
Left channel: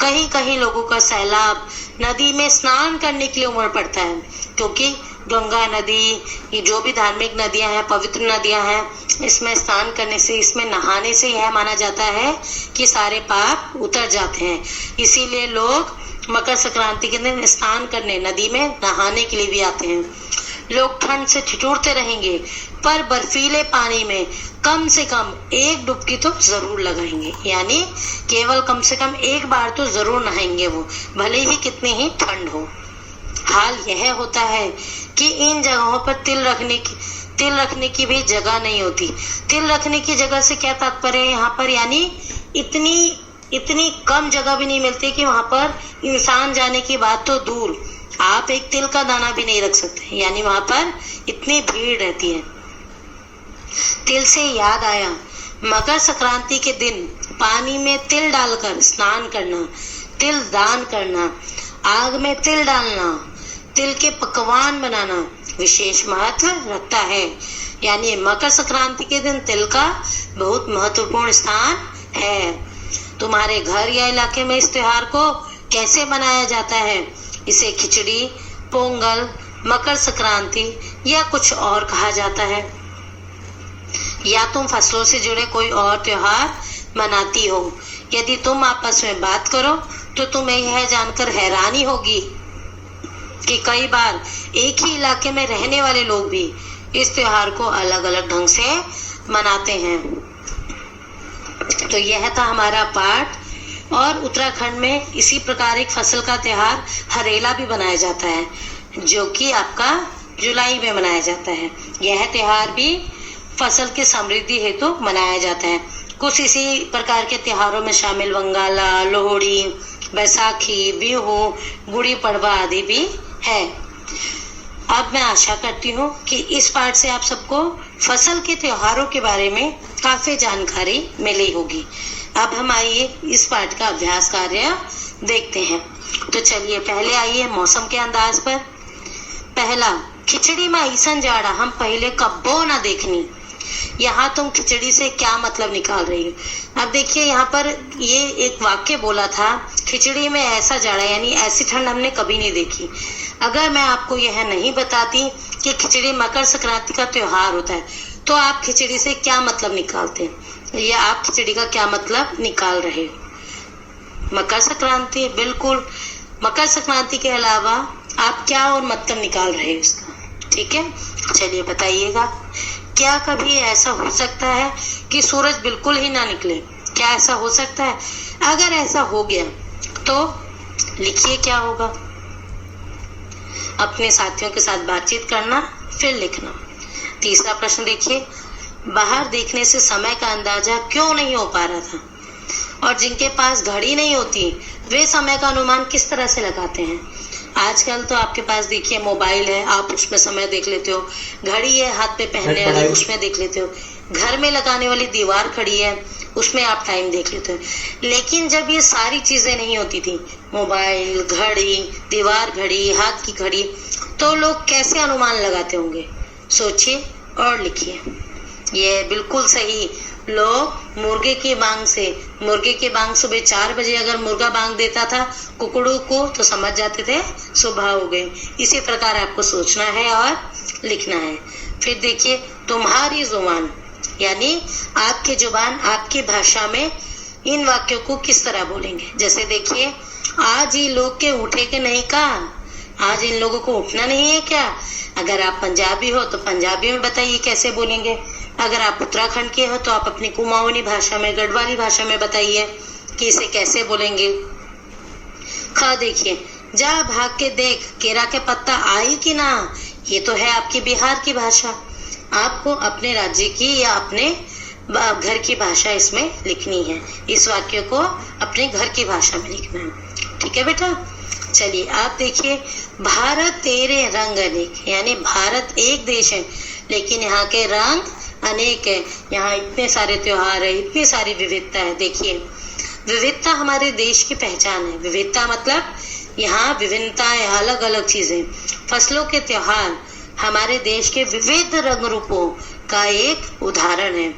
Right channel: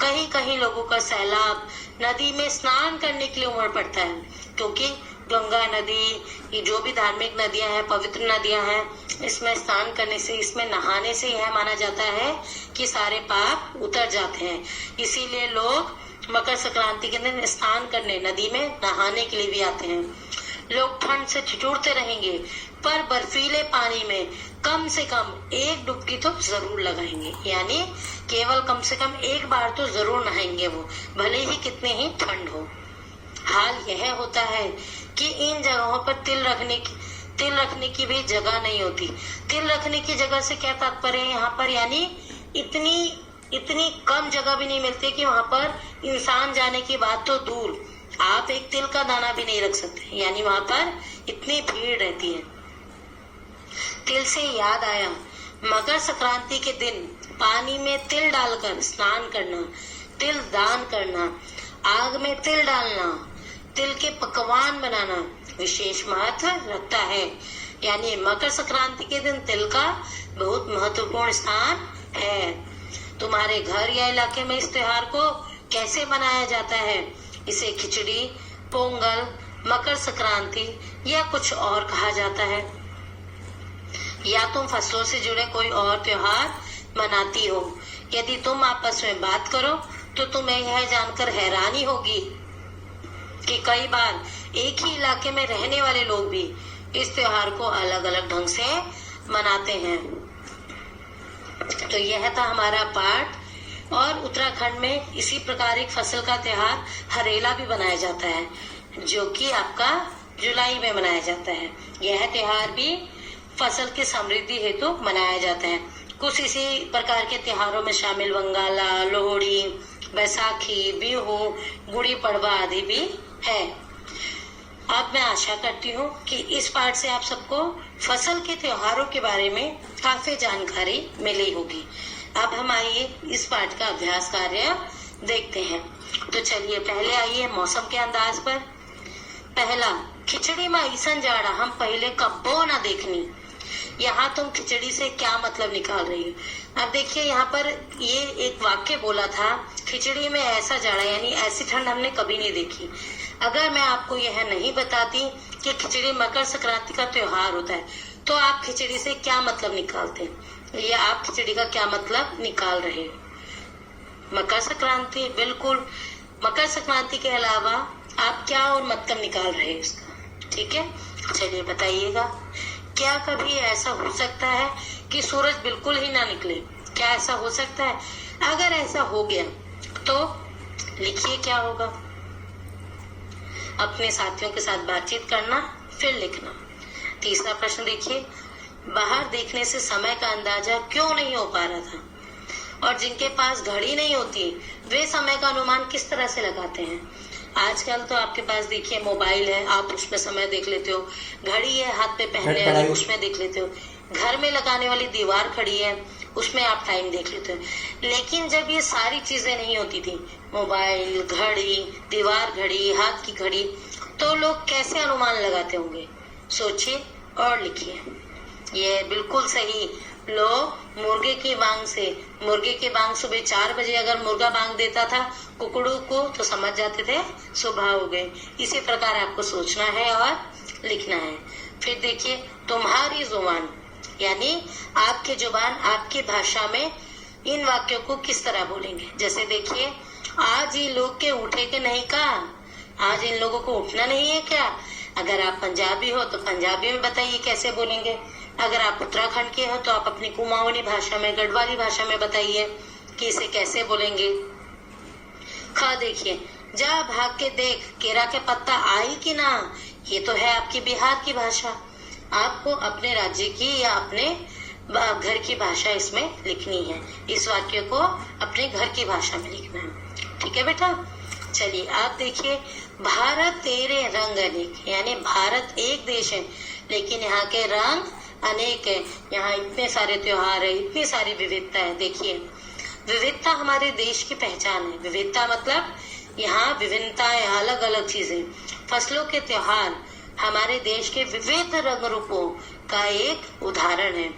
कहीं कहीं लोगों का सैलाब नदी में स्नान करने के लिए उमड़ पड़ता है, क्योंकि गंगा नदी, ये जो भी धार्मिक नदियां हैं, पवित्र नदियां हैं, इसमें स्नान करने से, इसमें नहाने से यह माना जाता है कि सारे पाप उतर जाते हैं। इसीलिए लोग मकर संक्रांति के दिन स्नान करने नदी में नहाने के लिए भी आते हैं। लोग ठंड से ठिठुरते रहेंगे पर बर्फीले पानी में कम से कम एक डुबकी तो जरूर लगाएंगे, यानी केवल कम से कम एक बार तो जरूर नहाएंगे वो, भले ही कितनी ही ठंड हो। हाल यह होता है कि इन जगहों पर तिल रखने की भी जगह नहीं होती। तिल रखने की जगह से क्या तात्पर्य है यहाँ पर, यानी इतनी इतनी कम जगह भी नहीं मिलती कि वहां पर इंसान जाने की बात तो दूर, आप एक तिल का दाना भी नहीं रख सकते, यानी वहां पर इतनी भीड़ रहती है। तिल से याद आया, मकर संक्रांति के दिन पानी में तिल डालकर स्नान करना, तिल दान करना, आग में तिल डालना, तिल के पकवान बनाना विशेष महत्व रखता है। यानी मकर संक्रांति के दिन तिल का बहुत महत्वपूर्ण स्थान है। तुम्हारे घर या इलाके में इस त्योहार को कैसे मनाया जाता है? इसे खिचड़ी, पोंगल, मकर संक्रांति या कुछ और कहा जाता है, या तुम फसलों से जुड़े कोई और त्योहार मनाती हो। यदि तुम आपस में बात करो तो तुम्हें यह जानकर हैरानी होगी कि कई बार एक ही इलाके में रहने वाले लोग भी इस त्योहार को अलग अलग ढंग से मनाते हैं। तो यह था हमारा पाठ। और उत्तराखंड में इसी प्रकार एक फसल का त्योहार हरेला भी मनाया जाता है, जो कि आपका जुलाई में मनाया जाता है। यह त्योहार भी फसल की समृद्धि हेतु मनाया जाता है। कुछ इसी प्रकार के त्योहारों में शामिल वंगाला, लोहड़ी, बैसाखी, बिहू, गुड़ी पड़वा आदि भी है। अब मैं आशा करती हूँ कि इस पाठ से आप सबको फसल के त्योहारों के बारे में काफी जानकारी मिली होगी। अब हम आइए इस पाठ का अभ्यास कार्य देखते हैं। तो चलिए पहले आइए मौसम के अंदाज पर। पहला, खिचड़ी में ऐसन जाड़ा हम पहले कब्बो ना देखनी। यहाँ तुम खिचड़ी से क्या मतलब निकाल रही हो? अब देखिए यहाँ पर ये एक वाक्य बोला था, खिचड़ी में ऐसा जाड़ा, यानी ऐसी ठंड हमने कभी नहीं देखी। अगर मैं आपको यह नहीं बताती कि खिचड़ी मकर संक्रांति का त्योहार होता है, तो आप खिचड़ी से क्या मतलब निकालते हैं, या आप खिचड़ी का क्या मतलब निकाल रहे हो? मकर संक्रांति, बिल्कुल। मकर संक्रांति के अलावा आप क्या और मतलब निकाल रहे हो इसका? ठीक है, चलिए बताइएगा। क्या कभी ऐसा हो सकता है कि सूरज बिल्कुल ही ना निकले? क्या ऐसा हो सकता है? अगर ऐसा हो गया तो लिखिए क्या होगा। अपने साथियों के साथ बातचीत करना, फिर लिखना। तीसरा प्रश्न देखिए, बाहर देखने से समय का अंदाजा क्यों नहीं हो पा रहा था? और जिनके पास घड़ी नहीं होती वे समय का अनुमान किस तरह से लगाते हैं? आजकल तो आपके पास देखिए मोबाइल है, आप उसमें समय देख लेते हो, घड़ी है हाथ पे पहनने वाली, उसमें देख लेते हो, घर में लगाने वाली दीवार खड़ी है, उसमें आप टाइम देख लेते हो। लेकिन जब ये सारी चीजें नहीं होती थी, मोबाइल, घड़ी, दीवार घड़ी, हाथ की घड़ी, तो लोग कैसे अनुमान लगाते होंगे? सोचिए और लिखिए। ये बिल्कुल सही, लोग मुर्गे की बांग सुबह 4 बजे अगर मुर्गा बांग देता था कुकड़ू को, तो समझ जाते थे सुबह हो गई। इसी प्रकार आपको सोचना है और लिखना है। फिर देखिए, तुम्हारी जुबान, यानी आपकी जुबान, आपकी भाषा में इन वाक्यों को किस तरह बोलेंगे। जैसे देखिए, आज ये लोग के उठे के नहीं का, आज इन लोगों को उठना नहीं है क्या? अगर आप पंजाबी हो तो पंजाबी में बताइए कैसे बोलेंगे। अगर आप उत्तराखंड के हो तो आप अपनी कुमाऊनी भाषा में, गढ़वाली भाषा में बताइए कि इसे कैसे बोलेंगे। खा देखिए, जा भाग के देख केरा के पत्ता आई कि ना, ये तो है आपकी बिहार की भाषा। आपको अपने राज्य की या अपने घर की भाषा इसमें लिखनी है। इस वाक्य को अपने घर की भाषा में लिखना है। ठीक है बेटा, चलिए आप देखिए, भारत तेरे रंग अनेक, यानी भारत एक देश है लेकिन यहाँ के रंग अनेक है। यहाँ इतने सारे त्योहार है, इतनी सारी विविधता है। देखिए, विविधता हमारे देश की पहचान है। विविधता मतलब यहाँ विभिन्नताएं, अलग अलग चीजें। फसलों के त्योहार हमारे देश के विविध रंग रूपों का एक उदाहरण है।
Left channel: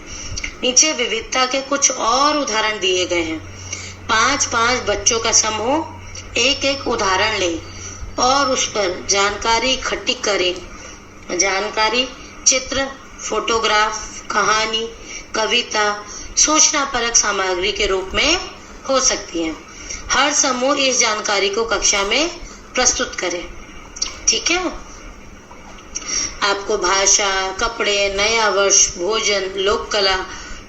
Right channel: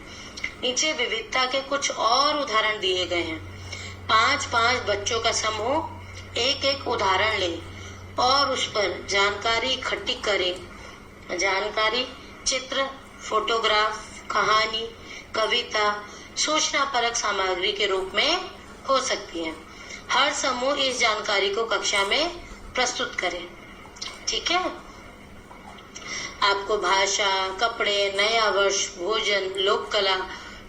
नीचे विविधता के कुछ और उदाहरण दिए गए हैं। 5-5 बच्चों का समूह एक एक उदाहरण ले और उस पर जानकारी इकट्ठी करे। जानकारी चित्र, फोटोग्राफ, कहानी, कविता, सूचना परक सामग्री के रूप में हो सकती है। हर समूह इस जानकारी को कक्षा में प्रस्तुत करे। ठीक है, आपको भाषा, कपड़े, नया वर्ष, भोजन, लोक कला,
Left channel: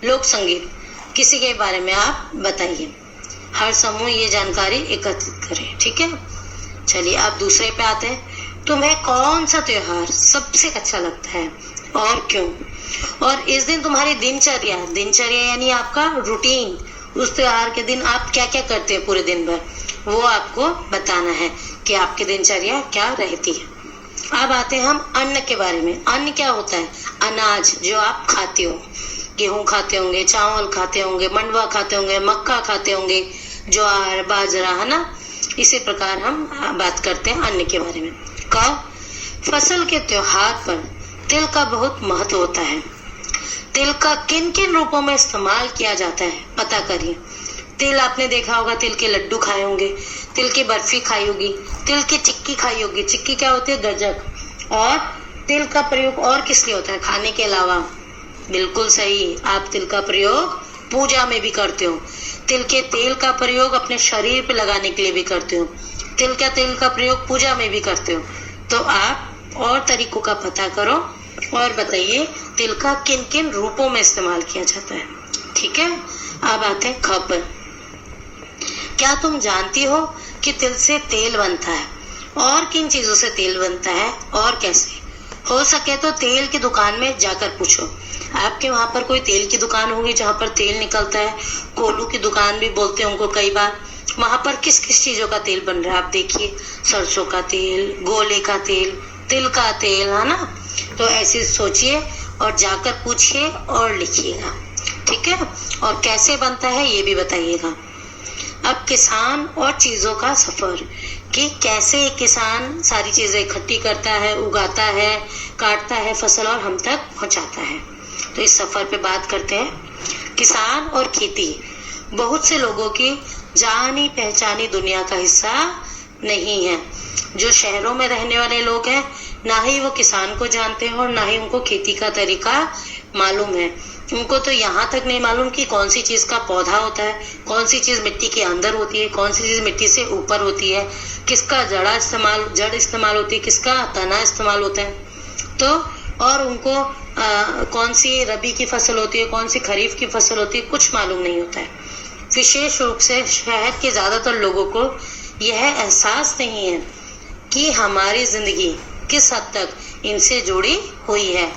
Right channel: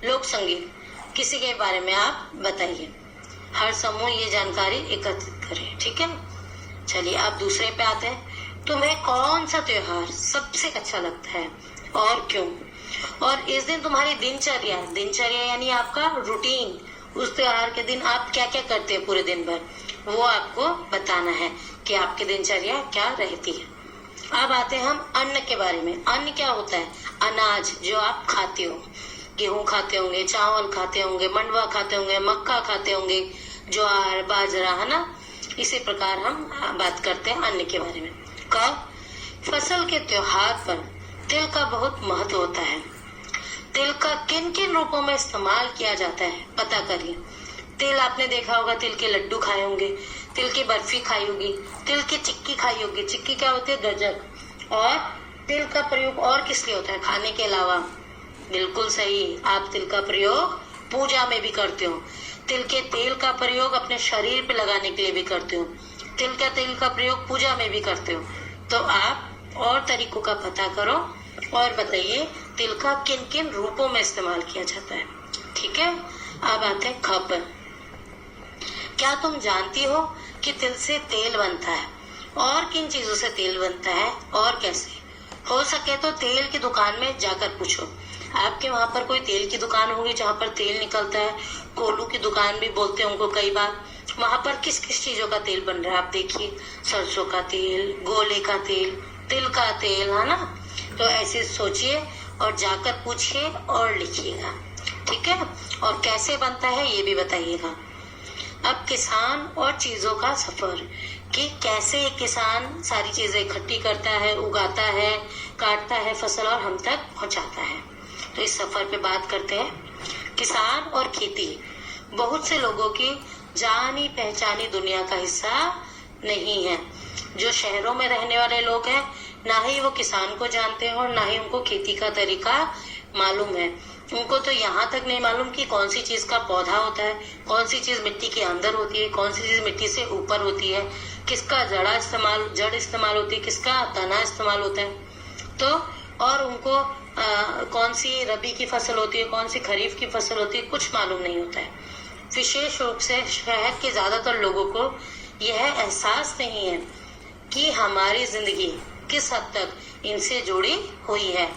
लोक संगीत, किसी के बारे में आप बताइए। हर समूह ये जानकारी एकत्रित करे। ठीक है, चलिए अब दूसरे पे आते हैं। तुम्हें कौन सा त्योहार सबसे अच्छा लगता है? और क्यों? और इस दिन तुम्हारी दिनचर्या यानी आपका रूटीन, उस त्योहार के दिन आप क्या क्या करते हैं पूरे दिन भर, वो आपको बताना है कि आपकी दिनचर्या क्या रहती है। अब आते हैं हम अन्न के बारे में। अन्न क्या होता है? अनाज जो आप खाते हो। गेहूं खाते होंगे, चावल खाते होंगे, मंडवा खाते होंगे, मक्का खाते होंगे, ज्वार, बाजरा, है ना। इसी प्रकार हम बात करते हैं अन्न के बारे में। कब? फसल के त्योहार पर तिल का बहुत महत्व होता है। तिल का किन किन रूपों में इस्तेमाल किया जाता है पता करिए। तिल आपने देखा होगा, तिल के लड्डू खाए होंगे, तिल की बर्फी खाई होगी, तिल की चिक्की खाई होगी। चिक्की क्या होती है? गज्जक। और तिल का प्रयोग और किस लिए होता है खाने के अलावा? बिल्कुल सही, आप तिल का प्रयोग पूजा में भी करते हो। तिल के तेल का प्रयोग अपने शरीर पे लगाने के लिए भी करते हो। तिल का प्रयोग पूजा में भी करते हो। तो आप और तरीकों का पता करो और बताइए तिल का किन किन रूपों में इस्तेमाल किया जाता है। ठीक है, अब आते हैं ख पर। क्या तुम जानती हो कि तिल से तेल बनता है? और किन चीजों से तेल बनता है और कैसे? हो सके तो तेल की दुकान में जाकर पूछो। आपके वहां पर कोई तेल की दुकान होगी जहाँ पर तेल निकलता है। कोल्हू की दुकान भी बोलते हैं उनको कई बार। वहां पर किस किस चीजों का तेल बन रहा है आप देखिए। सरसों का तेल, गोले का तेल, तिल का तेल, है ना। तो ऐसे सोचिए और जाकर पूछिए और लिखिएगा। ठीक है, और कैसे बनता है ये भी बताइएगा। अब किसान और चीजों का सफर, कि कैसे किसान सारी चीजें इकट्ठी करता है, उगाता है, काटता है फसल और हम तक पहुंचाता है। तो इस सफर पे बात करते हैं। किसान और खेती बहुत से लोगों की जानी पहचानी दुनिया का हिस्सा नहीं है। जो शहरों में रहने वाले लोग हैं, ना ही वो किसान को जानते हैं और ना ही उनको खेती का तरीका मालूम है। उनको तो यहाँ तक नहीं मालूम कि कौन सी चीज का पौधा होता है, कौन सी चीज मिट्टी के अंदर होती है, कौन सी चीज मिट्टी से ऊपर होती है, किसका जड़ इस्तेमाल होती है, किसका तना इस्तेमाल होता है। तो और उनको कौन सी रबी की फसल होती है, कौन सी खरीफ की फसल होती है, कुछ मालूम नहीं होता है। विशेष रूप से शहर के ज्यादातर लोगों को यह एहसास नहीं है कि हमारी जिंदगी किस हद तक इनसे जुड़ी हुई है।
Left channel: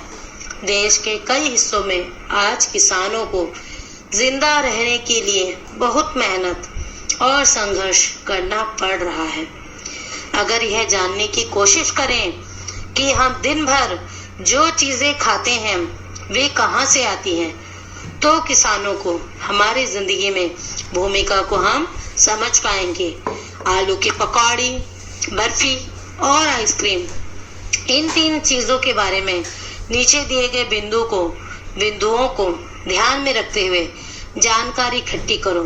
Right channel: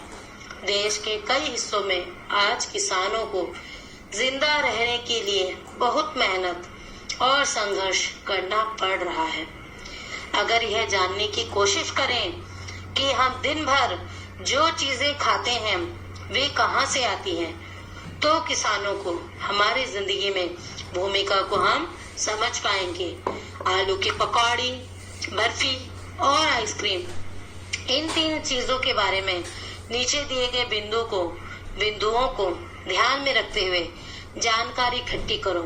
देश के कई हिस्सों में आज किसानों को जिंदा रहने के लिए बहुत मेहनत और संघर्ष करना पड़ रहा है। अगर यह जानने की कोशिश करें कि हम दिन भर जो चीजें खाते हैं वे कहाँ से आती हैं, तो किसानों को हमारी जिंदगी में भूमिका को हम समझ पाएंगे। आलू की पकौड़ी, बर्फी और आइसक्रीम, इन 3 चीजों के बारे में नीचे दिए गए बिंदुओं को ध्यान में रखते हुए जानकारी इकट्ठी करो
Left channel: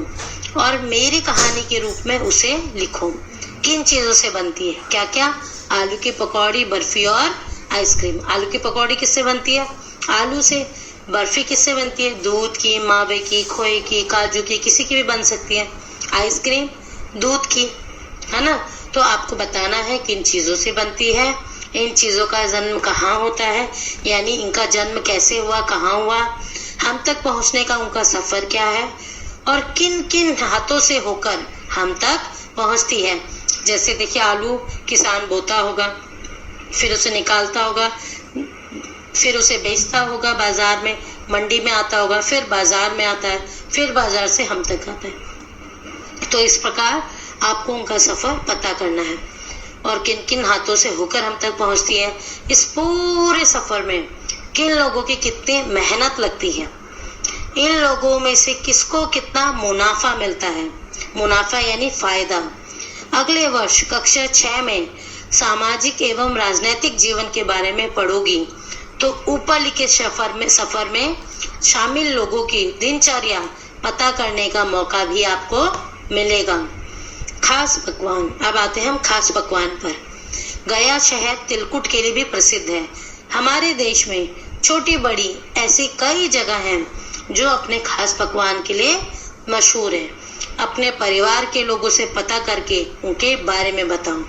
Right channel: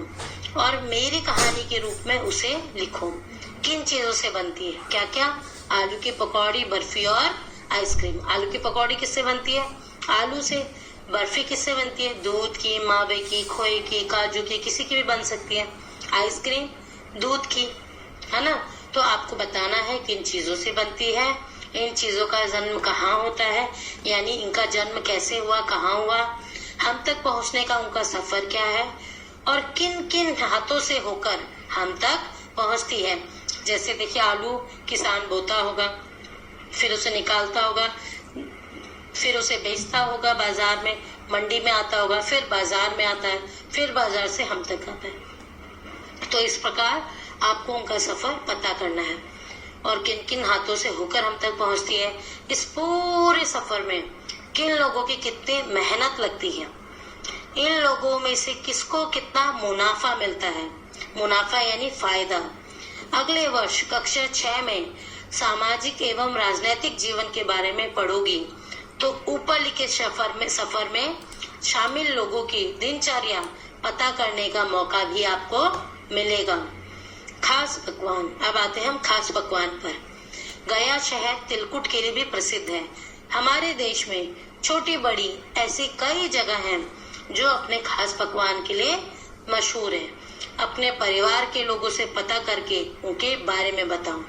और मेरी कहानी के रूप में उसे लिखो। किन चीजों से बनती है? क्या क्या? आलू की पकौड़ी, बर्फी और आइसक्रीम। आलू की पकौड़ी किससे बनती है? आलू से। बर्फी किससे बनती है? दूध की, मावे की, खोए की, काजू की, किसी की भी बन सकती है। आइसक्रीम दूध की, है ना। तो आपको बताना है किन चीजों से बनती है, इन चीजों का जन्म कहाँ होता है, यानी इनका जन्म कैसे हुआ, कहाँ हुआ, हम तक पहुंचने का उनका सफर क्या है और किन किन हाथों से होकर हम तक पहुंचती है। जैसे देखिए, आलू किसान बोता होगा, फिर उसे निकालता होगा, फिर उसे बेचता होगा बाजार में, मंडी में आता होगा, फिर बाजार में आता है, फिर बाजार से हम तक आता है। तो इस प्रकार आपको उनका सफर पता करना है और किन किन हाथों से होकर हम तक पहुंचती है। इस पूरे सफर में किन लोगों की कितनी मेहनत लगती है, इन लोगों में से किसको कितना मुनाफा मिलता है। मुनाफा यानी फायदा। अगले वर्ष कक्षा 6 में सामाजिक एवं राजनैतिक जीवन के बारे में पढ़ोगी तो ऊपर लिखे सफर में शामिल लोगों की दिनचर्या पता करने का मौका भी आपको मिलेगा। खास पकवान। अब आते हैं हम खास पकवान पर। गया शहर तिलकुट के लिए भी प्रसिद्ध है। हमारे देश में छोटी बड़ी ऐसी कई जगह हैं जो अपने खास पकवान के लिए मशहूर है। अपने परिवार के लोगों से पता करके उनके बारे में बताओ।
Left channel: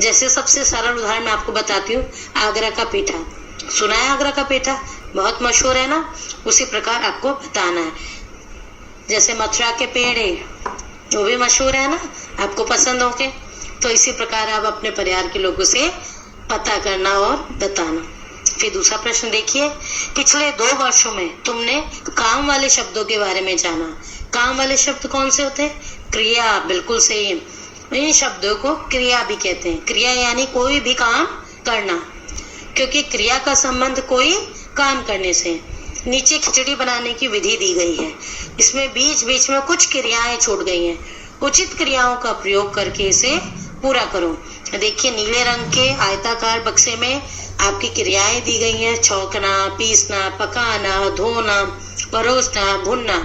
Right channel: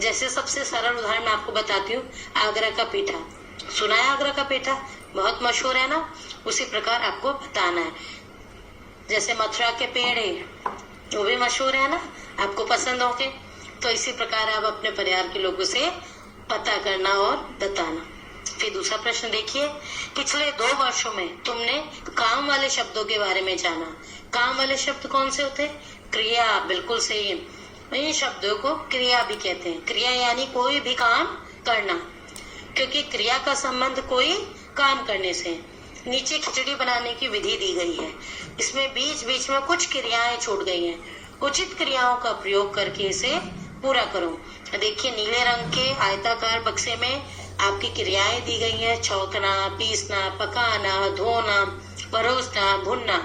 जैसे सबसे सरल उदाहरण मैं आपको बताती हूँ, आगरा का पेठा। सुना है आगरा का पेठा? बहुत मशहूर है ना। उसी प्रकार आपको बताना है। जैसे मथुरा के पेड़े, वो भी मशहूर है ना, आपको पसंद होंगे। तो इसी प्रकार आप अपने परिवार के लोगों से पता करना और बताना। फिर दूसरा प्रश्न देखिए, पिछले 2 वर्षों में तुमने काम वाले शब्दों के बारे में जाना। काम वाले शब्द कौन से होते हैं? क्रिया, बिल्कुल सही। इन शब्दों को क्रिया भी कहते हैं। क्रिया यानी कोई भी काम करना, क्योंकि क्रिया का संबंध कोई काम करने से। नीचे खिचड़ी बनाने की विधि दी गई है, इसमें बीच बीच में कुछ क्रियाएं छूट गई हैं। उचित क्रियाओं का प्रयोग करके इसे पूरा करो। देखिए, नीले रंग के आयताकार बक्से में आपकी क्रियाएं दी गई हैं। छौंकना, पीसना, पकाना, धोना, परोसना, भुनना।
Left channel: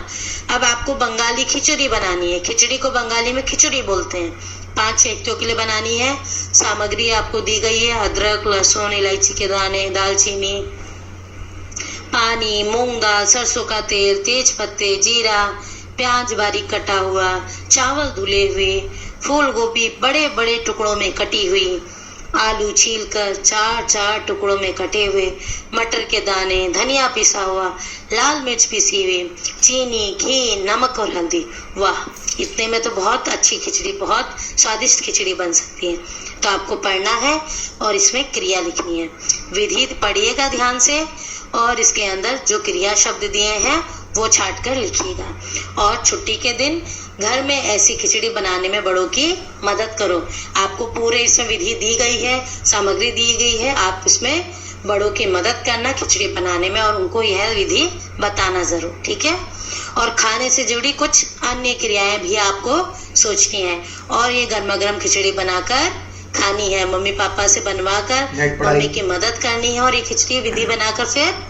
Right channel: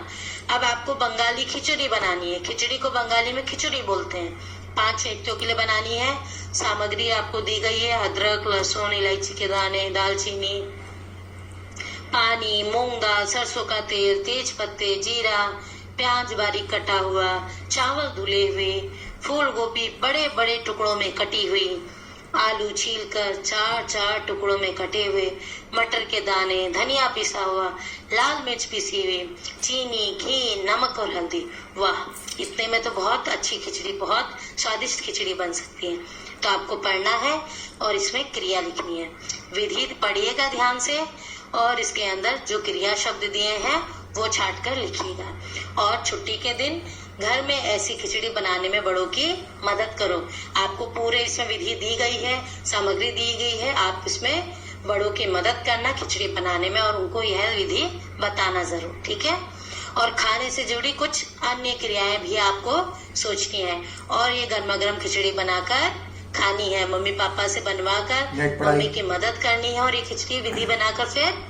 अब आपको बंगाली खिचड़ी बनानी है। खिचड़ी को बंगाली में खिचड़ी बोलते हैं। 5 व्यक्तियों के लिए बनानी है। सामग्री आपको दी गई है, अदरक, लहसुन, इलायची के दाने, दालचीनी, पानी, मूंग दाल, सरसों का तेल, तेज पत्ते, जीरा, प्याज बारीक कटा हुआ, चावल धुले हुए, फूल गोभी बड़े बड़े टुकड़ों में कटी हुई, आलू छीलकर 4-4 टुकड़ों में कटे हुए, मटर के दाने, धनिया पिसा हुआ, लाल मिर्च पिसी हुई, चीनी, घी, नमक और हल्दी। वाह, इतने में तो बहुत अच्छी खिचड़ी, बहुत स्वादिष्ट खिचड़ी बन सकती है। तो आपको पढ़ना है और इसमें क्रिया लिखनी है। विधि पढ़िएगा ध्यान से और इसके अंदर जो क्रिया शब्द दिए हैं वो छाट कर लिखिएगा। और छुट्टी के दिन घर में ऐसी खिचड़ी बनाने में बड़ों की मदद करो। आपको पूरे इसमें विधि दी गई है, सामग्री दी गई है, आप इसमें बड़ों की मदद करना खिचड़ी बनाने में और उनको यह विधि बताना जरूर, ठीक है। और खाने से जुड़ी कुछ अन्य क्रियाएं भी आपको सोचनी है और ये गर्मा गर्म खिचड़ी बनाकर खानी है। मम्मी पापा से बनवाकर मम्मी की मदद करनी है और ये खिचड़ी विधि बनाकर फिर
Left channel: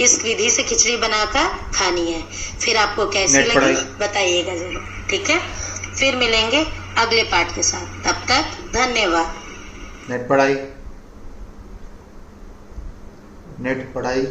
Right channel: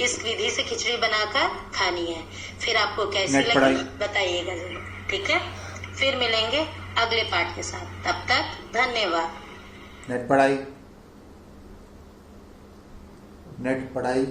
इस विधि से खिचड़ी बनाकर खानी है। फिर आपको कैसी लगी बताइएगा जरूर, ठीक है। फिर मिलेंगे अगले पाठ के साथ, तब तक धन्यवाद। नेट पढ़ाई